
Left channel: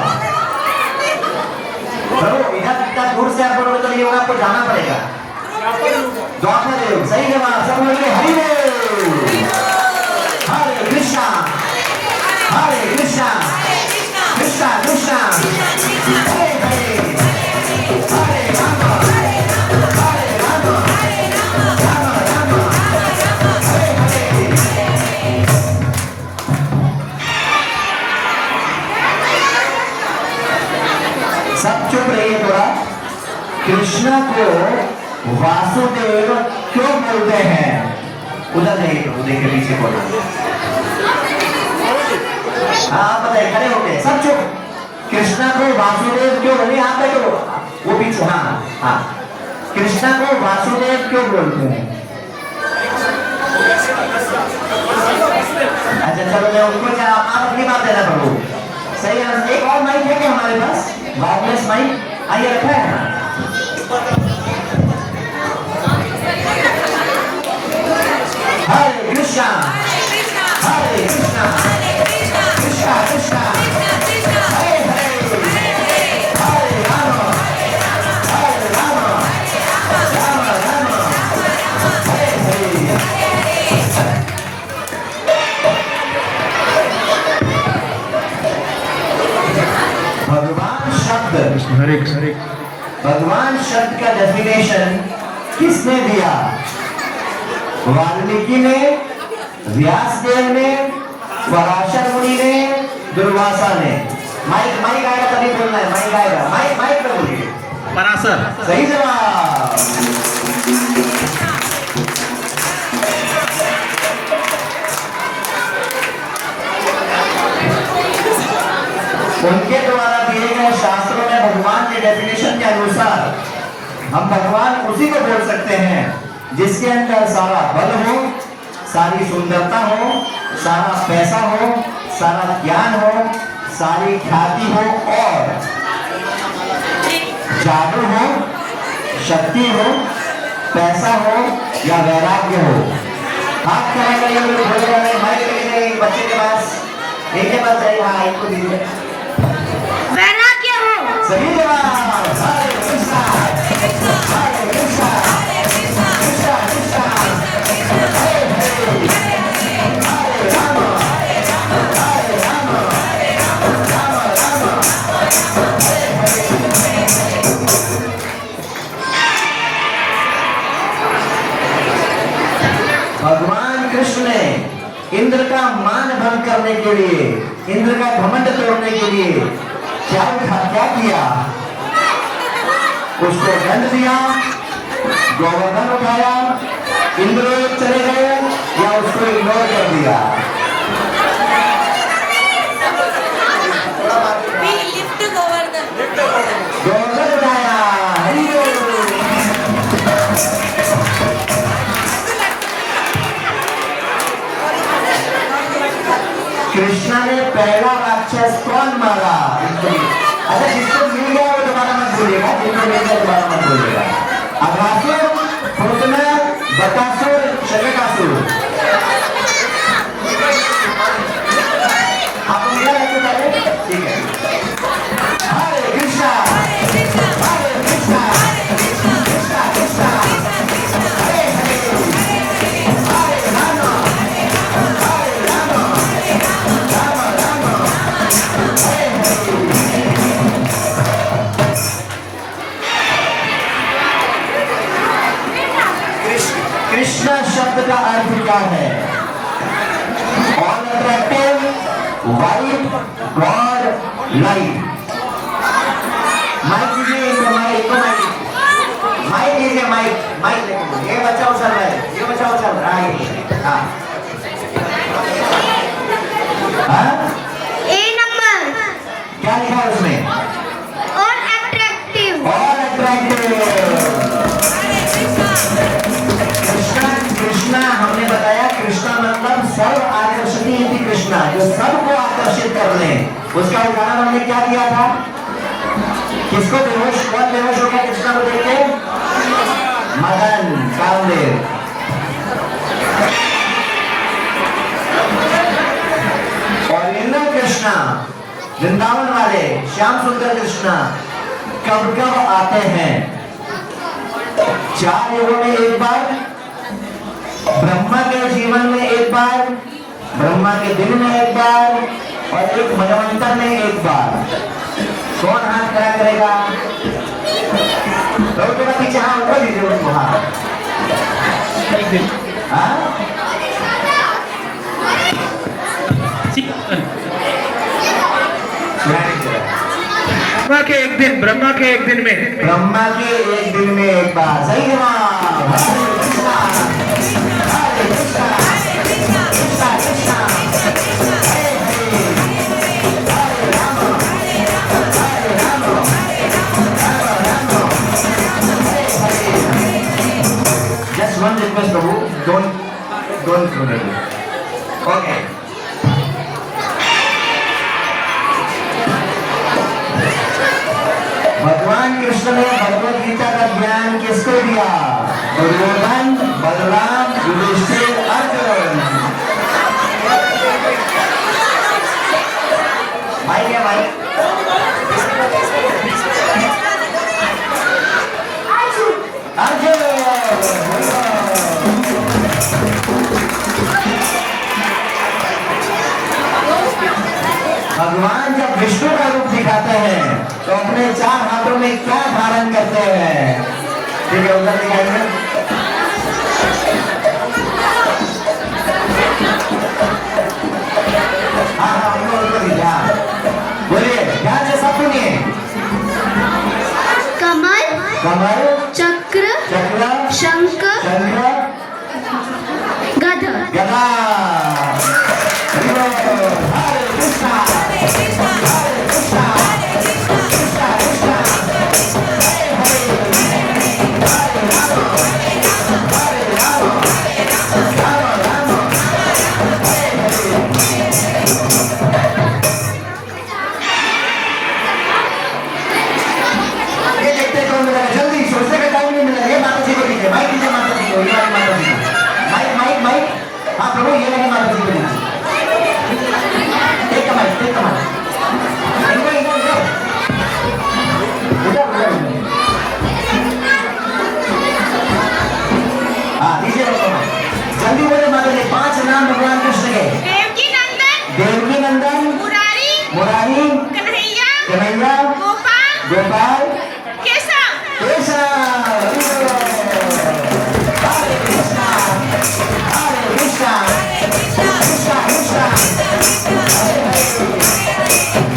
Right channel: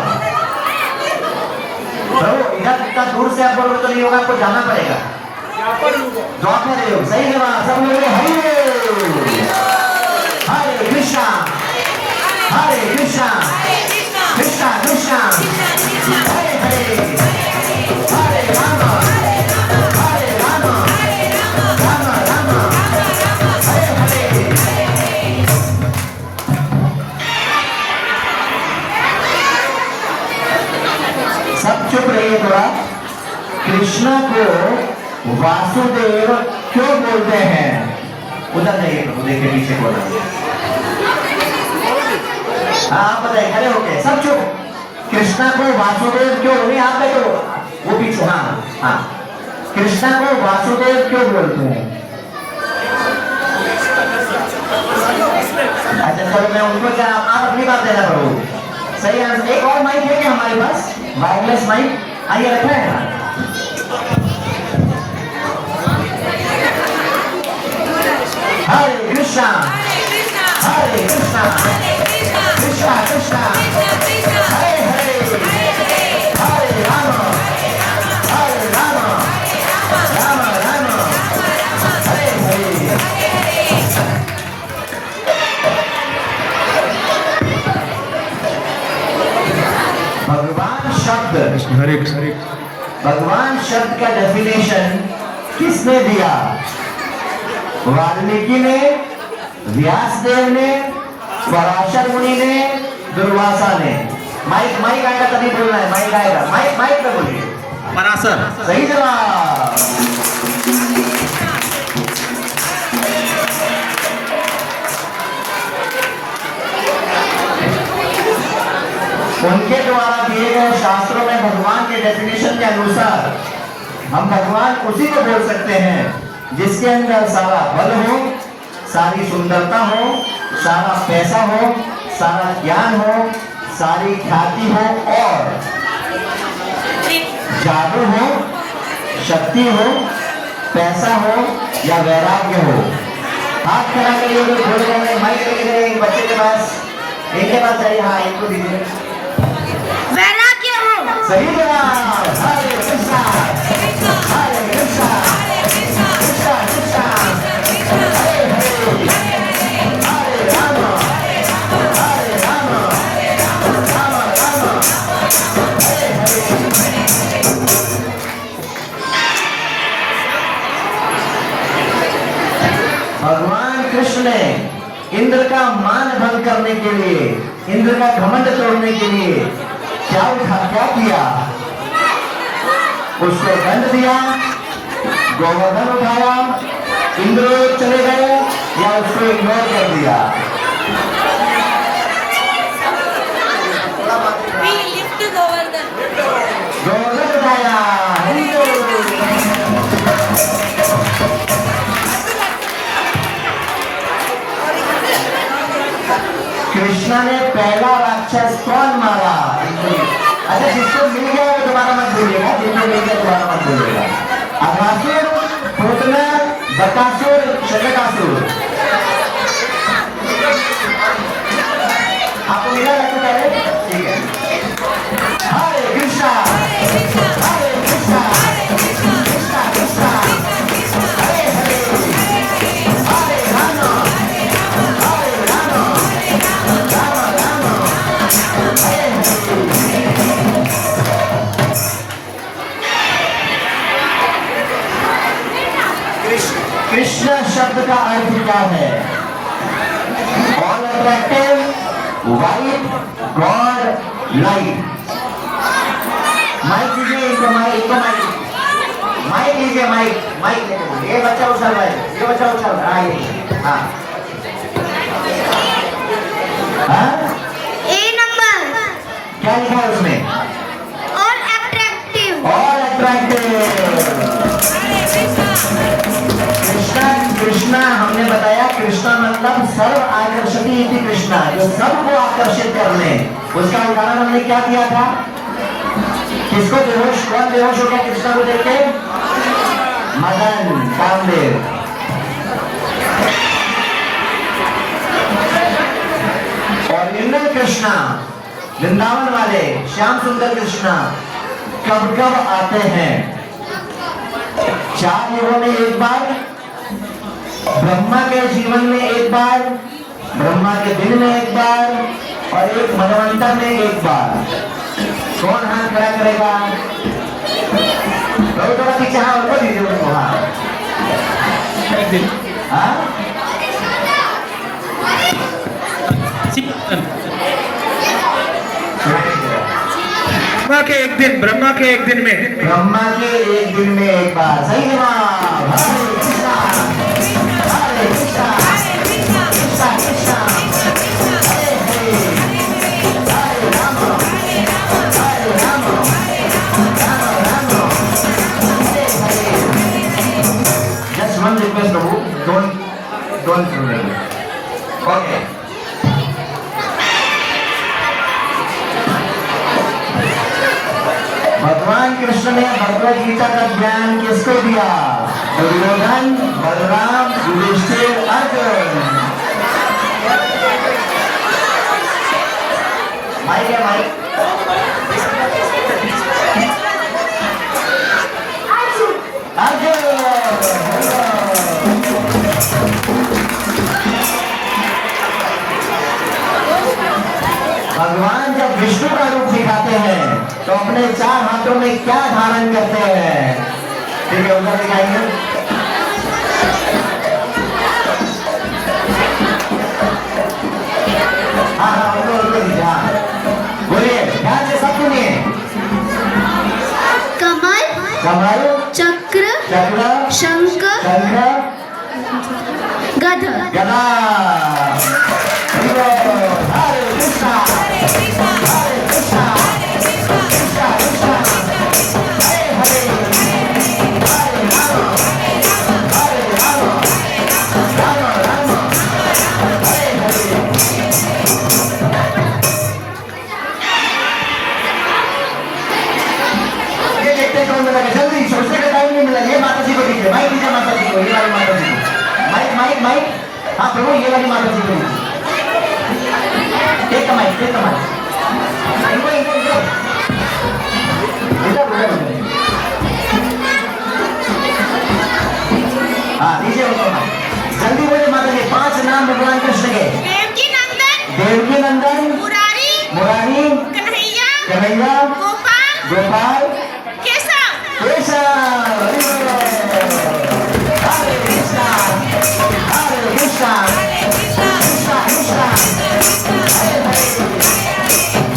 प्रभु इधर इतना दूर से आप बोलोगे तो नहीं होगा, आपको जाना पड़ेगा। द्वापर युग सही जवाब। सब बोलिए हरि हरे कृष्णा कृष्णा कृष्णा हरे हरे हरे राम राम हरे हरे। सब चुप रहिए थोड़ा। कृष्णा को वासुदेव क्यों बोलते हैं? उधर जाइए तो देखिए पीछे बोलो। हाँ बताइए, खड़े होके सब चुप। कृष्णा को वासुदेव क्यों? नहीं आप बैठो, वो पीछे। हाँ कृष्णा को वासुदेव क्यों बोलते हैं? अच्छा चलो मैं उनको क्या आप अपनी बात देना प्रभु। सही आंसर। एक और माइक है क्या हमारे पास? वायरलेस माइक आइए रखा है ना। हरे कृष्णा कृष्णा कृष्णा हरे हरे हरे राम राम हरे हरे। भगवान शब्द का डेफिनेशन किसने दिया? वाल्मीकि ने, व्यासदेव ने, पराशर मुनि ने, दुर्वासा ने। माइक आएगा तभी बोलना है। माइक आएगा, माइक पे बोलिए। पराशर सही जवाब। उनके द्वारा दिए गए शास्त्रों में भगवान के डेफिनेशन के अनुसार हम भगवान उसी को बोल सकते हैं जिसके अंदर सारा बल हो, सारी सुंदरता हो, सारा पैसा हो, सारा ज्ञान हो, सारी ख्याति हो और जादू हो, शक्ति हो, पैसा हो या वैराग्य हो। हाथ खड़ा करिए, जो बोले जा रहे हैं माइक लेके बच्चे के पास, इनके पास आइए। हाँ, इनको दीजिए। पहला क्या हो? सही जवाब। हरे कृष्णा, हरे कृष्णा, कृष्णा कृष्णा, हरे हरे, हरे राम, हरे राम, राम राम, हरे हरे। भगवान कृष्ण ने इंद्र का मान भंग करने के लिए, इंद्र का घमंड तोड़ने के लिए क्या किया? उसको दंड दिया, गोवर्धन उठाया, इंद्र चले गए, या उसको इग्नोर कर दिया? गोवर्धन उठाया। कृष्णा ने पहला राक्षस कौन मारा? अच्छा, जिसको मिल गया वो दोबारा मत बोलिएगा, जिसको मिल गया दोबारा मत बोलिएगा। अघासुर, पूतना, बकासुर, शतकासुर। आपको मिला है पहले? ठीक है। हरे कृष्णा, हरे कृष्णा, कृष्णा कृष्णा, हरे हरे, हरे राम, हरे राम, राम राम, हरे हरे। कृष्ण शब्द का अर्थ क्या है? All attractive, white, God, light. Mike दीजिए इनको, माइक लीजिए, माइक ये बच्चा उछल रहा है, ये बच्चा उछल रहा है। हाँ हाँ, ए नंबर क्या लिखा है उसमें? और अट्रैक्टिव। All attractive. कृष्णा हमने बताया, कृष्णा मतलब सर्व आकर्षणी इति कृष्णा, जो सबको आकर्षित करने। उसका उदाहरण हमने क्या दिया था? किसको बेहोश, कौन बेहोश हो गया कृष्णा को देख के? मदन, कामदेव। और इंद्र कृष्णा, वृंदावन वाले श्याम सुंदर कृष्णा कब कब आते हैं? 4 युगों में एक बार, ब्रह्मा के जीवन में एक बार, ब्रह्मा के दिन में एक बार, और एक मनवंतर में एक बार। कौन हाथ खड़ा करेगा? बहुत बड़ा पीछे हाथ उठा दीजिए उनको। हाँ, ब्रह्मा के एक दिन, ब्रह्मा के एक दिन में, ब्रह्मा के एक दिन में एक बार। सही जवाब। हरे कृष्णा, हरे कृष्णा, कृष्णा कृष्णा, हरे हरे, हरे राम, हरे Ram, Ram Ram, Hare Hare. Just one request, Prabhu, don't throw the book. Okay. भगवान कृष्ण ने भगवद गीता का ज्ञान किसको दिया? दुर्योधन, बलराम, युधिष्ठिर, अर्जुन। माइक है, माइक। अर्जुन। भगवान जब विष्णु का रूप दिखाते हैं तो अपने 4 हाथों में क्या धारण करते हैं? ठीक है, उधर दिखाएंगे। हाँ, बोलिए, ध्यान से सब सुनिए। कमल, कमल, चक्र, शंख, गदा। गदा। हरे कृष्णा, हरे कृष्णा, कृष्णा कृष्णा, हरे हरे, हरे राम, राम राम, हरे हरे। ये देखते कौन मिला? जल्दी, सोचने का टाइम नहीं मिला। ये माता जी को दीजिए, माइक दीजिए माता जी को, ये वाली माता जी को। माइक माइक माइक ये वाली माता जी को लीजिए। Take the mike, take the mike. हाँ दीजिए उनको माइक। जल्दी बोले माता जी, 5 नाम भगवान कृष्ण के। देवकी नंदन, देवकी नंदन, मुरारी, मुरारी, कन्हैया, कन्हैया, गोपाल, गोपाल, केशव। केशव। हरे कृष्णा, हरे कृष्णा, कृष्णा कृष्णा, हरे हरे,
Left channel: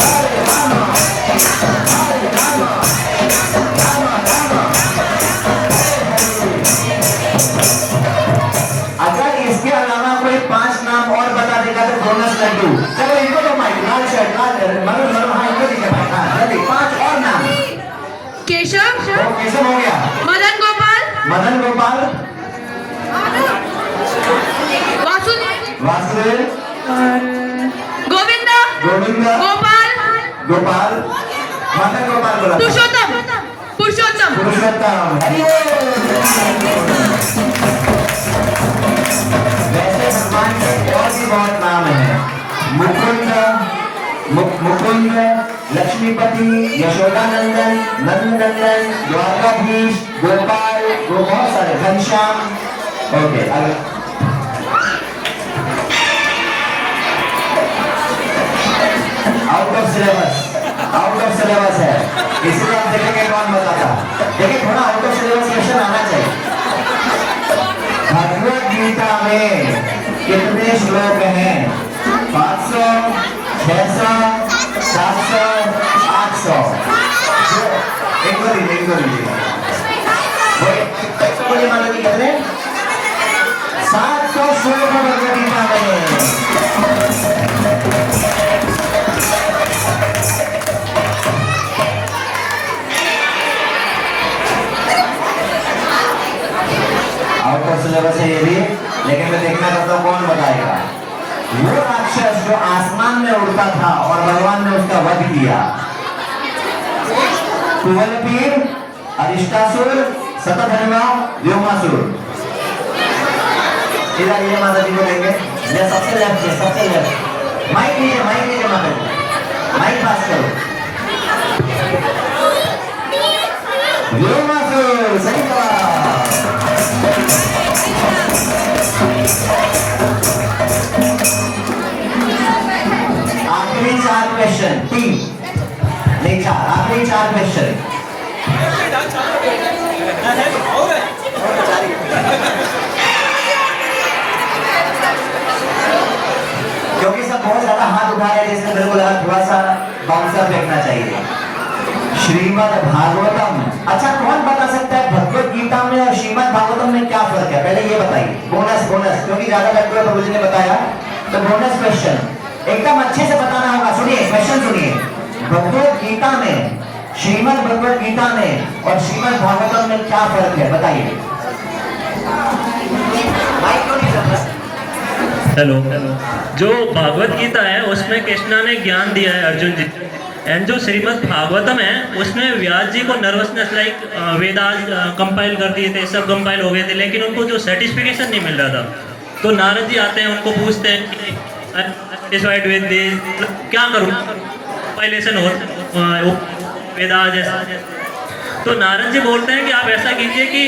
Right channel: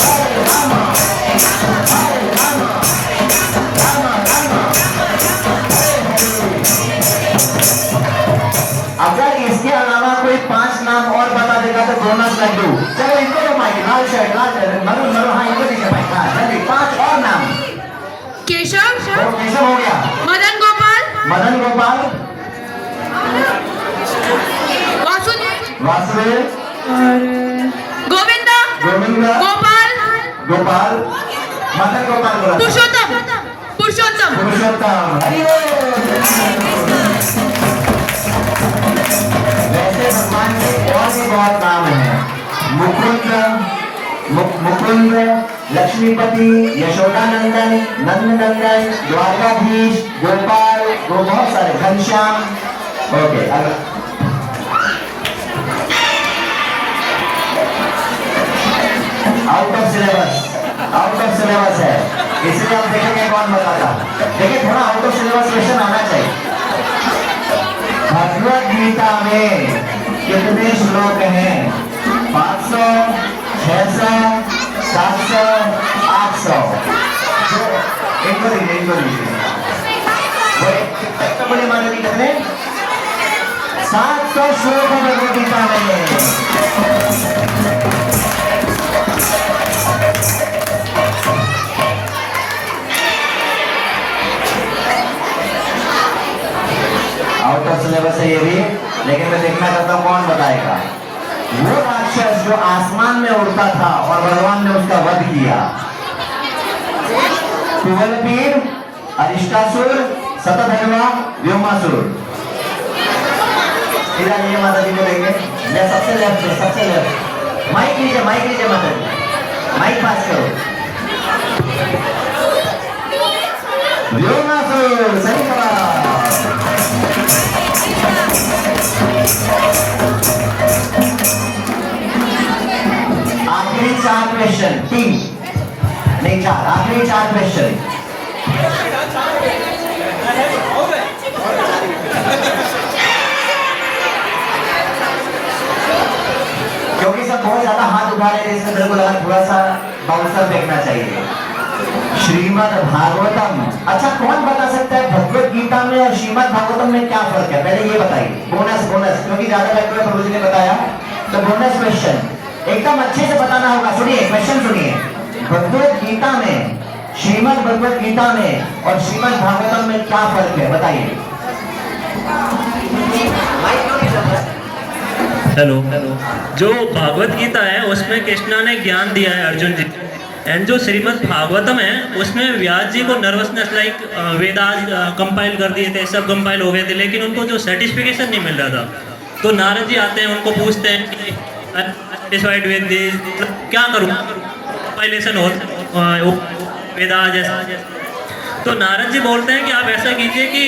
हरे राम, हरे राम, राम राम, हरे हरे। अगर इसके अलावा कोई 5 नाम और बता देगा तो बोनस लड्डू। चलो इनको तो माइक, लाल शर्ट, लाल मरू मरू, हाँ इनको दीजिए माइक। हाँ जल्दी 5 और नाम। केशव, तो केशव हो गया, मदन गोपाल, मदन गोपाल, वासुदेव, वासुदेव, गोविंदा, गोविंद, गोपाल, गोपाल, मदन गोपाल बोला था। पुरुषोत्तम, पुरुषोत्तम। पुरुषोत्तम। वैसे भगवान के और भी बहुत नाम हैं। मुकुंद, मुकुंद, लक्ष्मीपति, यशोदानंदन, नंदनंदन, द्वारकाधीश, गोपाल, वो बहुत सारे, घनश्याम। ओके अगला out of syllabus, out of syllabus है, इसलिए आप देखेंगे कौन बताता। देखिए थोड़ा आउट ऑफ सिलेबस क्वेश्चन आना चाहिए। भगवत गीता में कितने श्लोक हैं? 500, 600, 700, 800। इनको लीजिए, इनको लीजिए। बोले माता जी कितने? 700 श्लोक है भगवत गीता में। आउट ऑफ सिलेबस है ये भी, लेकिन मैं देखना चाहता हूँ कौन बताएगा। वो राक्षस जो आसमान में उड़ता था और भगवान ने उसका वध किया। कुवलपीर, अरिष्टासुर, शतधन्वा, व्योमासुर। इधर ये माता जी को लेंगे, सबसे लेफ्ट से, सबसे लेफ्ट। माइक लीजिए, माइक लीजिए माता जी, माइक पास करो। व्योमासुर, सही जवाब। आखिरी 4 क्वेश्चन, 3 नहीं 4, आखिरी 4 क्वेश्चन। क्योंकि सब बहुत ज्यादा हाथ उठा रहे थे, इसलिए मेरे को लगा थोड़ा सा बाउंसर फेंकना चाहिए। श्रीमद् भागवतम, अच्छा कौन बता सकता है भगवत गीता में और श्रीमद् भागवतम में क्या फर्क है? पहले ये बताइए। बोनस, बोनस, क्योंकि ज्यादा व्यक्ति प्रभु जी ने बताया तो बोनस क्वेश्चन एकदम अच्छे से बताना होगा। सुनिए क्वेश्चन सुनिए। भगवत गीता में, श्रीमद् भगवत गीता में और श्रीमद् भागवतम में क्या फर्क है बताइए। माइक क्यों नहीं चल रहा? हेलो, जो भागवत गीता है उसमें कृष्णा ने ज्ञान दिया है अर्जुन जी, एंड जो श्रीमद् भागवतम है उसमें व्यास जी को नर्वसनेस लाइक वेदास कंपाइल कर दिए थे, सब कंपाइल हो गए थे, लेकिन उनको जो सर्टिफिकेशन नहीं मिल रहा था। तो नारद जी आते हैं, उनको पूछते हैं कि सेटिस्फाइड विद दिस, क्या करूँ कंपाइलेशन हो वेदास जैसा। तो नारद जी बोलते हैं कि आप ऐसा कीजिए कि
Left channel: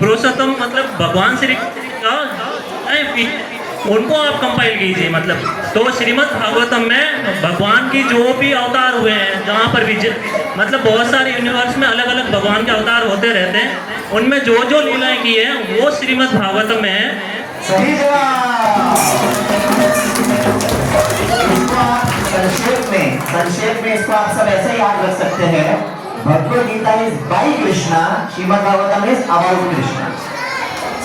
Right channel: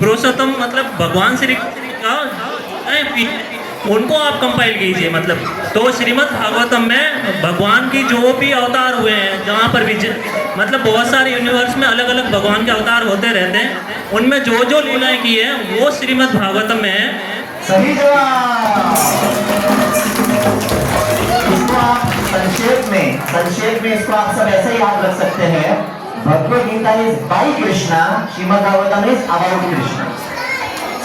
पुरुषोत्तम मतलब भगवान श्री का उनको आप कंपाइल कीजिए। मतलब तो श्रीमद् भागवतम में भगवान की जो भी अवतार हुए हैं, जहाँ पर भी मतलब बहुत सारे यूनिवर्स में अलग अलग भगवान के अवतार होते रहते हैं, उनमें जो जो लीलाएं की है वो श्रीमद् भागवतम में है। सही जवाब। इसको आप संक्षेप में इसको आप सब ऐसे याद रख सकते हैं। Bhagavad Gita is by Krishna, Shrimad Bhagavatam is about Krishna.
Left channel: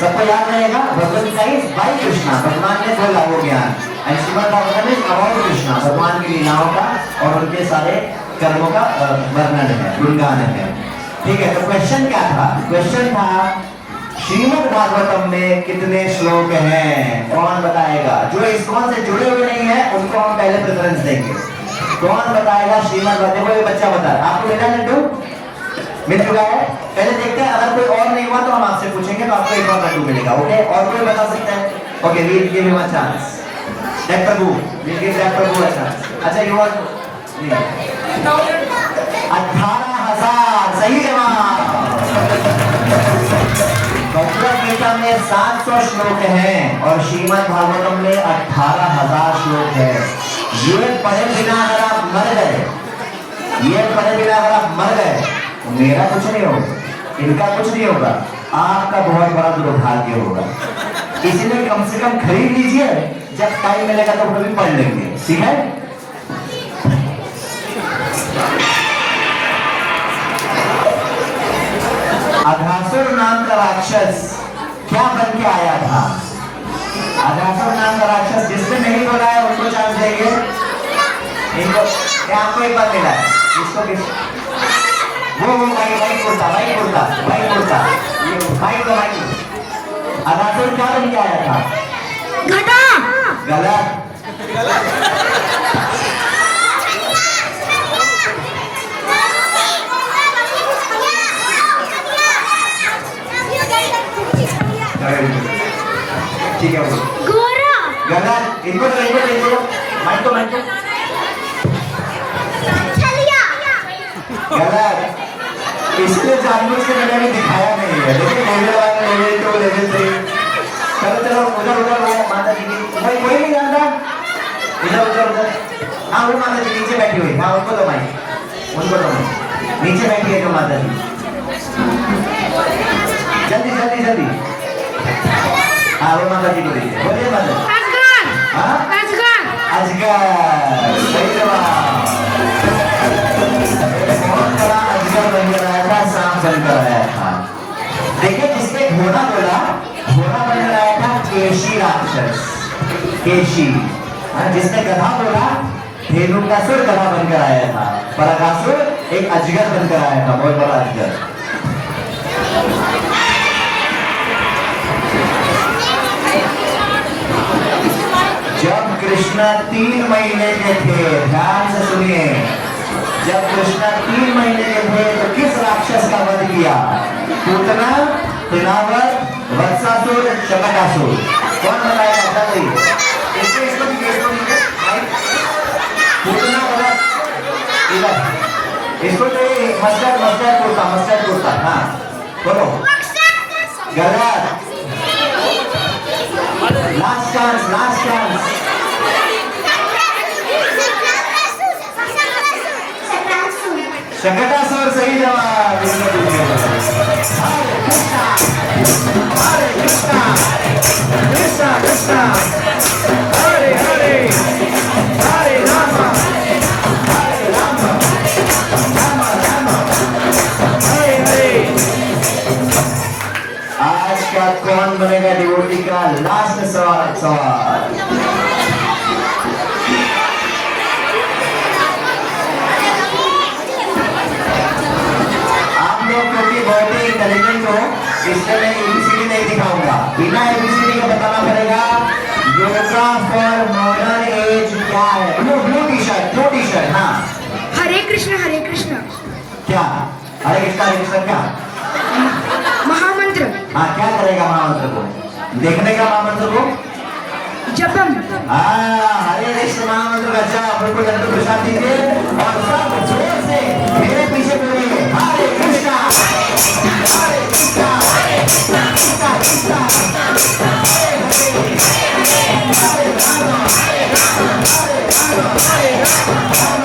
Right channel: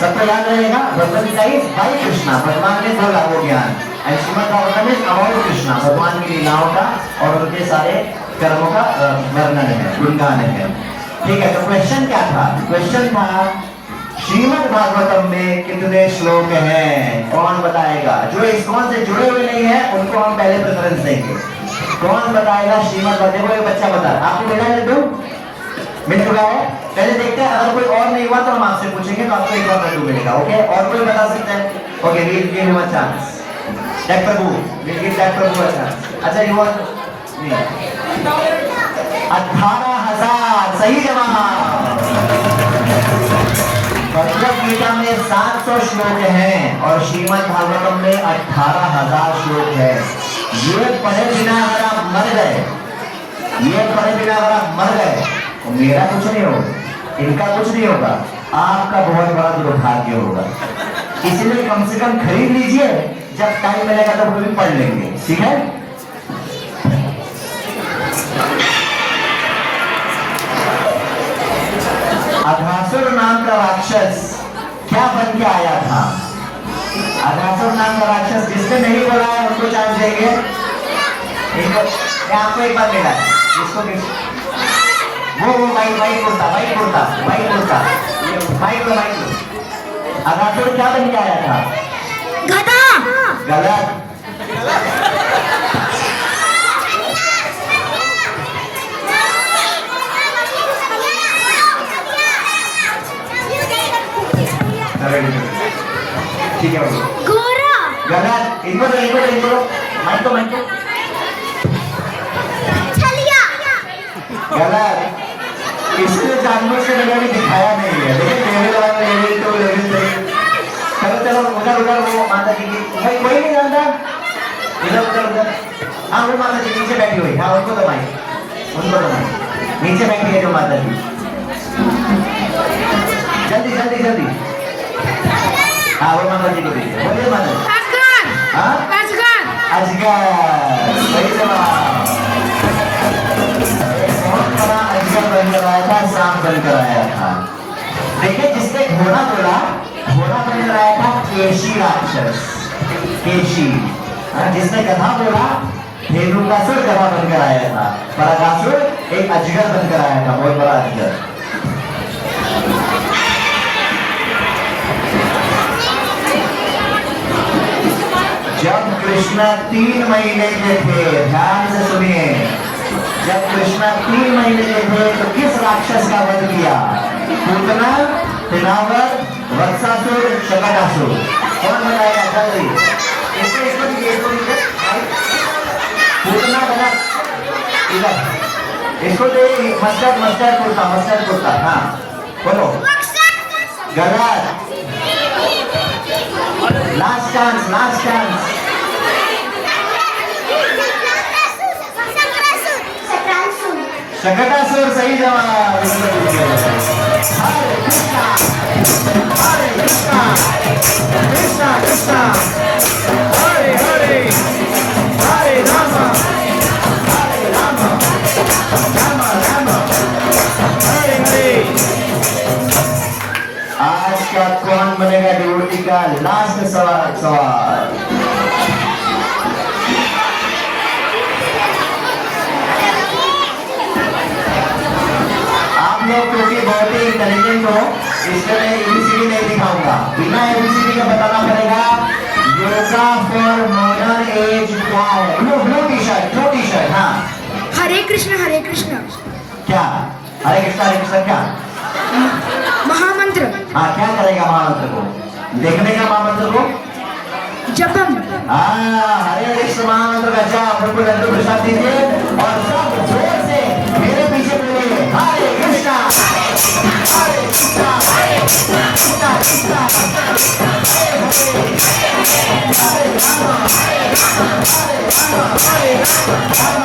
सबको याद रहेगा, भगवत गीता इज बाय कृष्णा, भगवान ने बोला वो ज्ञान, and Shrimad Bhagavatam is about Krishna, भगवान की लीलाओं का और उनके सारे कर्मों का वर्णन है, गुणगान है। ठीक है, तो क्वेश्चन क्या था? क्वेश्चन था श्रीमद् भागवतम में कितने श्लोक हैं? कौन बताएगा? जो इस्कॉन से जुड़े हुए नहीं है उनको हम पहले प्रेफरेंस देंगे। कौन बताएगा श्रीमद् भागवतम? कोई बच्चा बता, आपको लेना है लड्डू? मिल चुका है? पहले देखते हैं, अगर कोई और नहीं हुआ तो हम आपसे पूछेंगे, तो आपको एक और लड्डू मिलेगा। ओके, और कोई बता सकता है? Okay, we'll give him a chance. That Prabhu, we'll give that Prabhu a chance. अच्छा, you want? 18,000 सही जवाब। भगवद गीता में 700 श्लोक हैं और श्रीमद् भागवतम में 18,000 श्लोक है। ये पढ़े बिना अगर आप मर गए, तो मेरा कुछ नहीं होगा, इनका कुछ नहीं होगा, आपका बहुत बड़ा दुर्भाग्य होगा। इसलिए कम से कम खरीद लीजिए, जब टाइम मिलेगा तो वो भी पढ़ लेंगे, ठीक है? अघासुर नाम का राक्षस क्या बन के आया था? अघासुर नाम का राक्षस जिसने नहीं बोला है उनको चांस देंगे। इनको आपको एक बार मिला है, इसको वो वाइट कुर्ता अघासुर क्या बन के आया था? गधा। गलत। ठीक है, घोड़ा। गलत। इनको माइक गलत। इसने जानवर से मैंने दिखाया नहीं है, लेकिन लेवल 1 लेवल 2 लेवल 3। चलो उधर वो माता जी की कोई नहीं जानता। इधर हाँ, वो माता जी नीचे बैठी हुई। हाँ, उनको तो माइक नीचे बैठी है जो माता जी। जल्दी हाँ, वो माता जी को दीजिए। बोलिए माता जी। हाँ, अजगर सही जवाब। बहुत बड़ा अजगर बन कर आया था, सांप बन कर आया था। देखिए, जिसने घोड़ा बोला, घोड़ा बन कर आया था केशी राक्षस, केशी। जिसने गधा बोला, धेनुकासुर गधा बनकर आया था। पर अघासुर एक अजगर बनकर आया था, बहुत बड़ा अजगर। जब कृष्ण 3 महीने के थे, ध्यान से सुनिए, जब कृष्ण 3 महीने के थे तो किस राक्षस का वध किया? पूतना, तिनावर, वत्सासुर, शकटासुर। कौन बताएगा? जल्दी। पूतना बोला इधर, इसको जो मस्टर्ड कुर्ता। हाँ, बोलो। गलत। Last chance. शकटासुर सही जवाब। हरे कृष्णा कृष्णा हरे हरे राम हरे हरे। आज का कौन बनेगा डिवोटी का लास्ट सवाल? आप लोग क्योंकि बहुत ही इंटेलिजेंट हो, इसलिए मैं एबीसीडी नहीं दिखाऊंगा, बिना एबीसीडी का बताना पड़ेगा। योगा फॉर मॉडर्न एज क्या है? Blue T shirt. हाँ, हरे कृष्ण क्या? हरे कृष्ण क्या? महामंत्र। हाँ, क्या करेगा महामंत्र को? देखने का महामंत्र को जपम। हरे कृष्ण महामंत्र का जाप बिल्कुल लड्डू प्रसाद दीजिए और सब जोर से मेरे पीछे बोलिए, हरे कृष्णा हरे कृष्णा कृष्णा कृष्णा हरे हरे हरे राम हरे राम हरे राम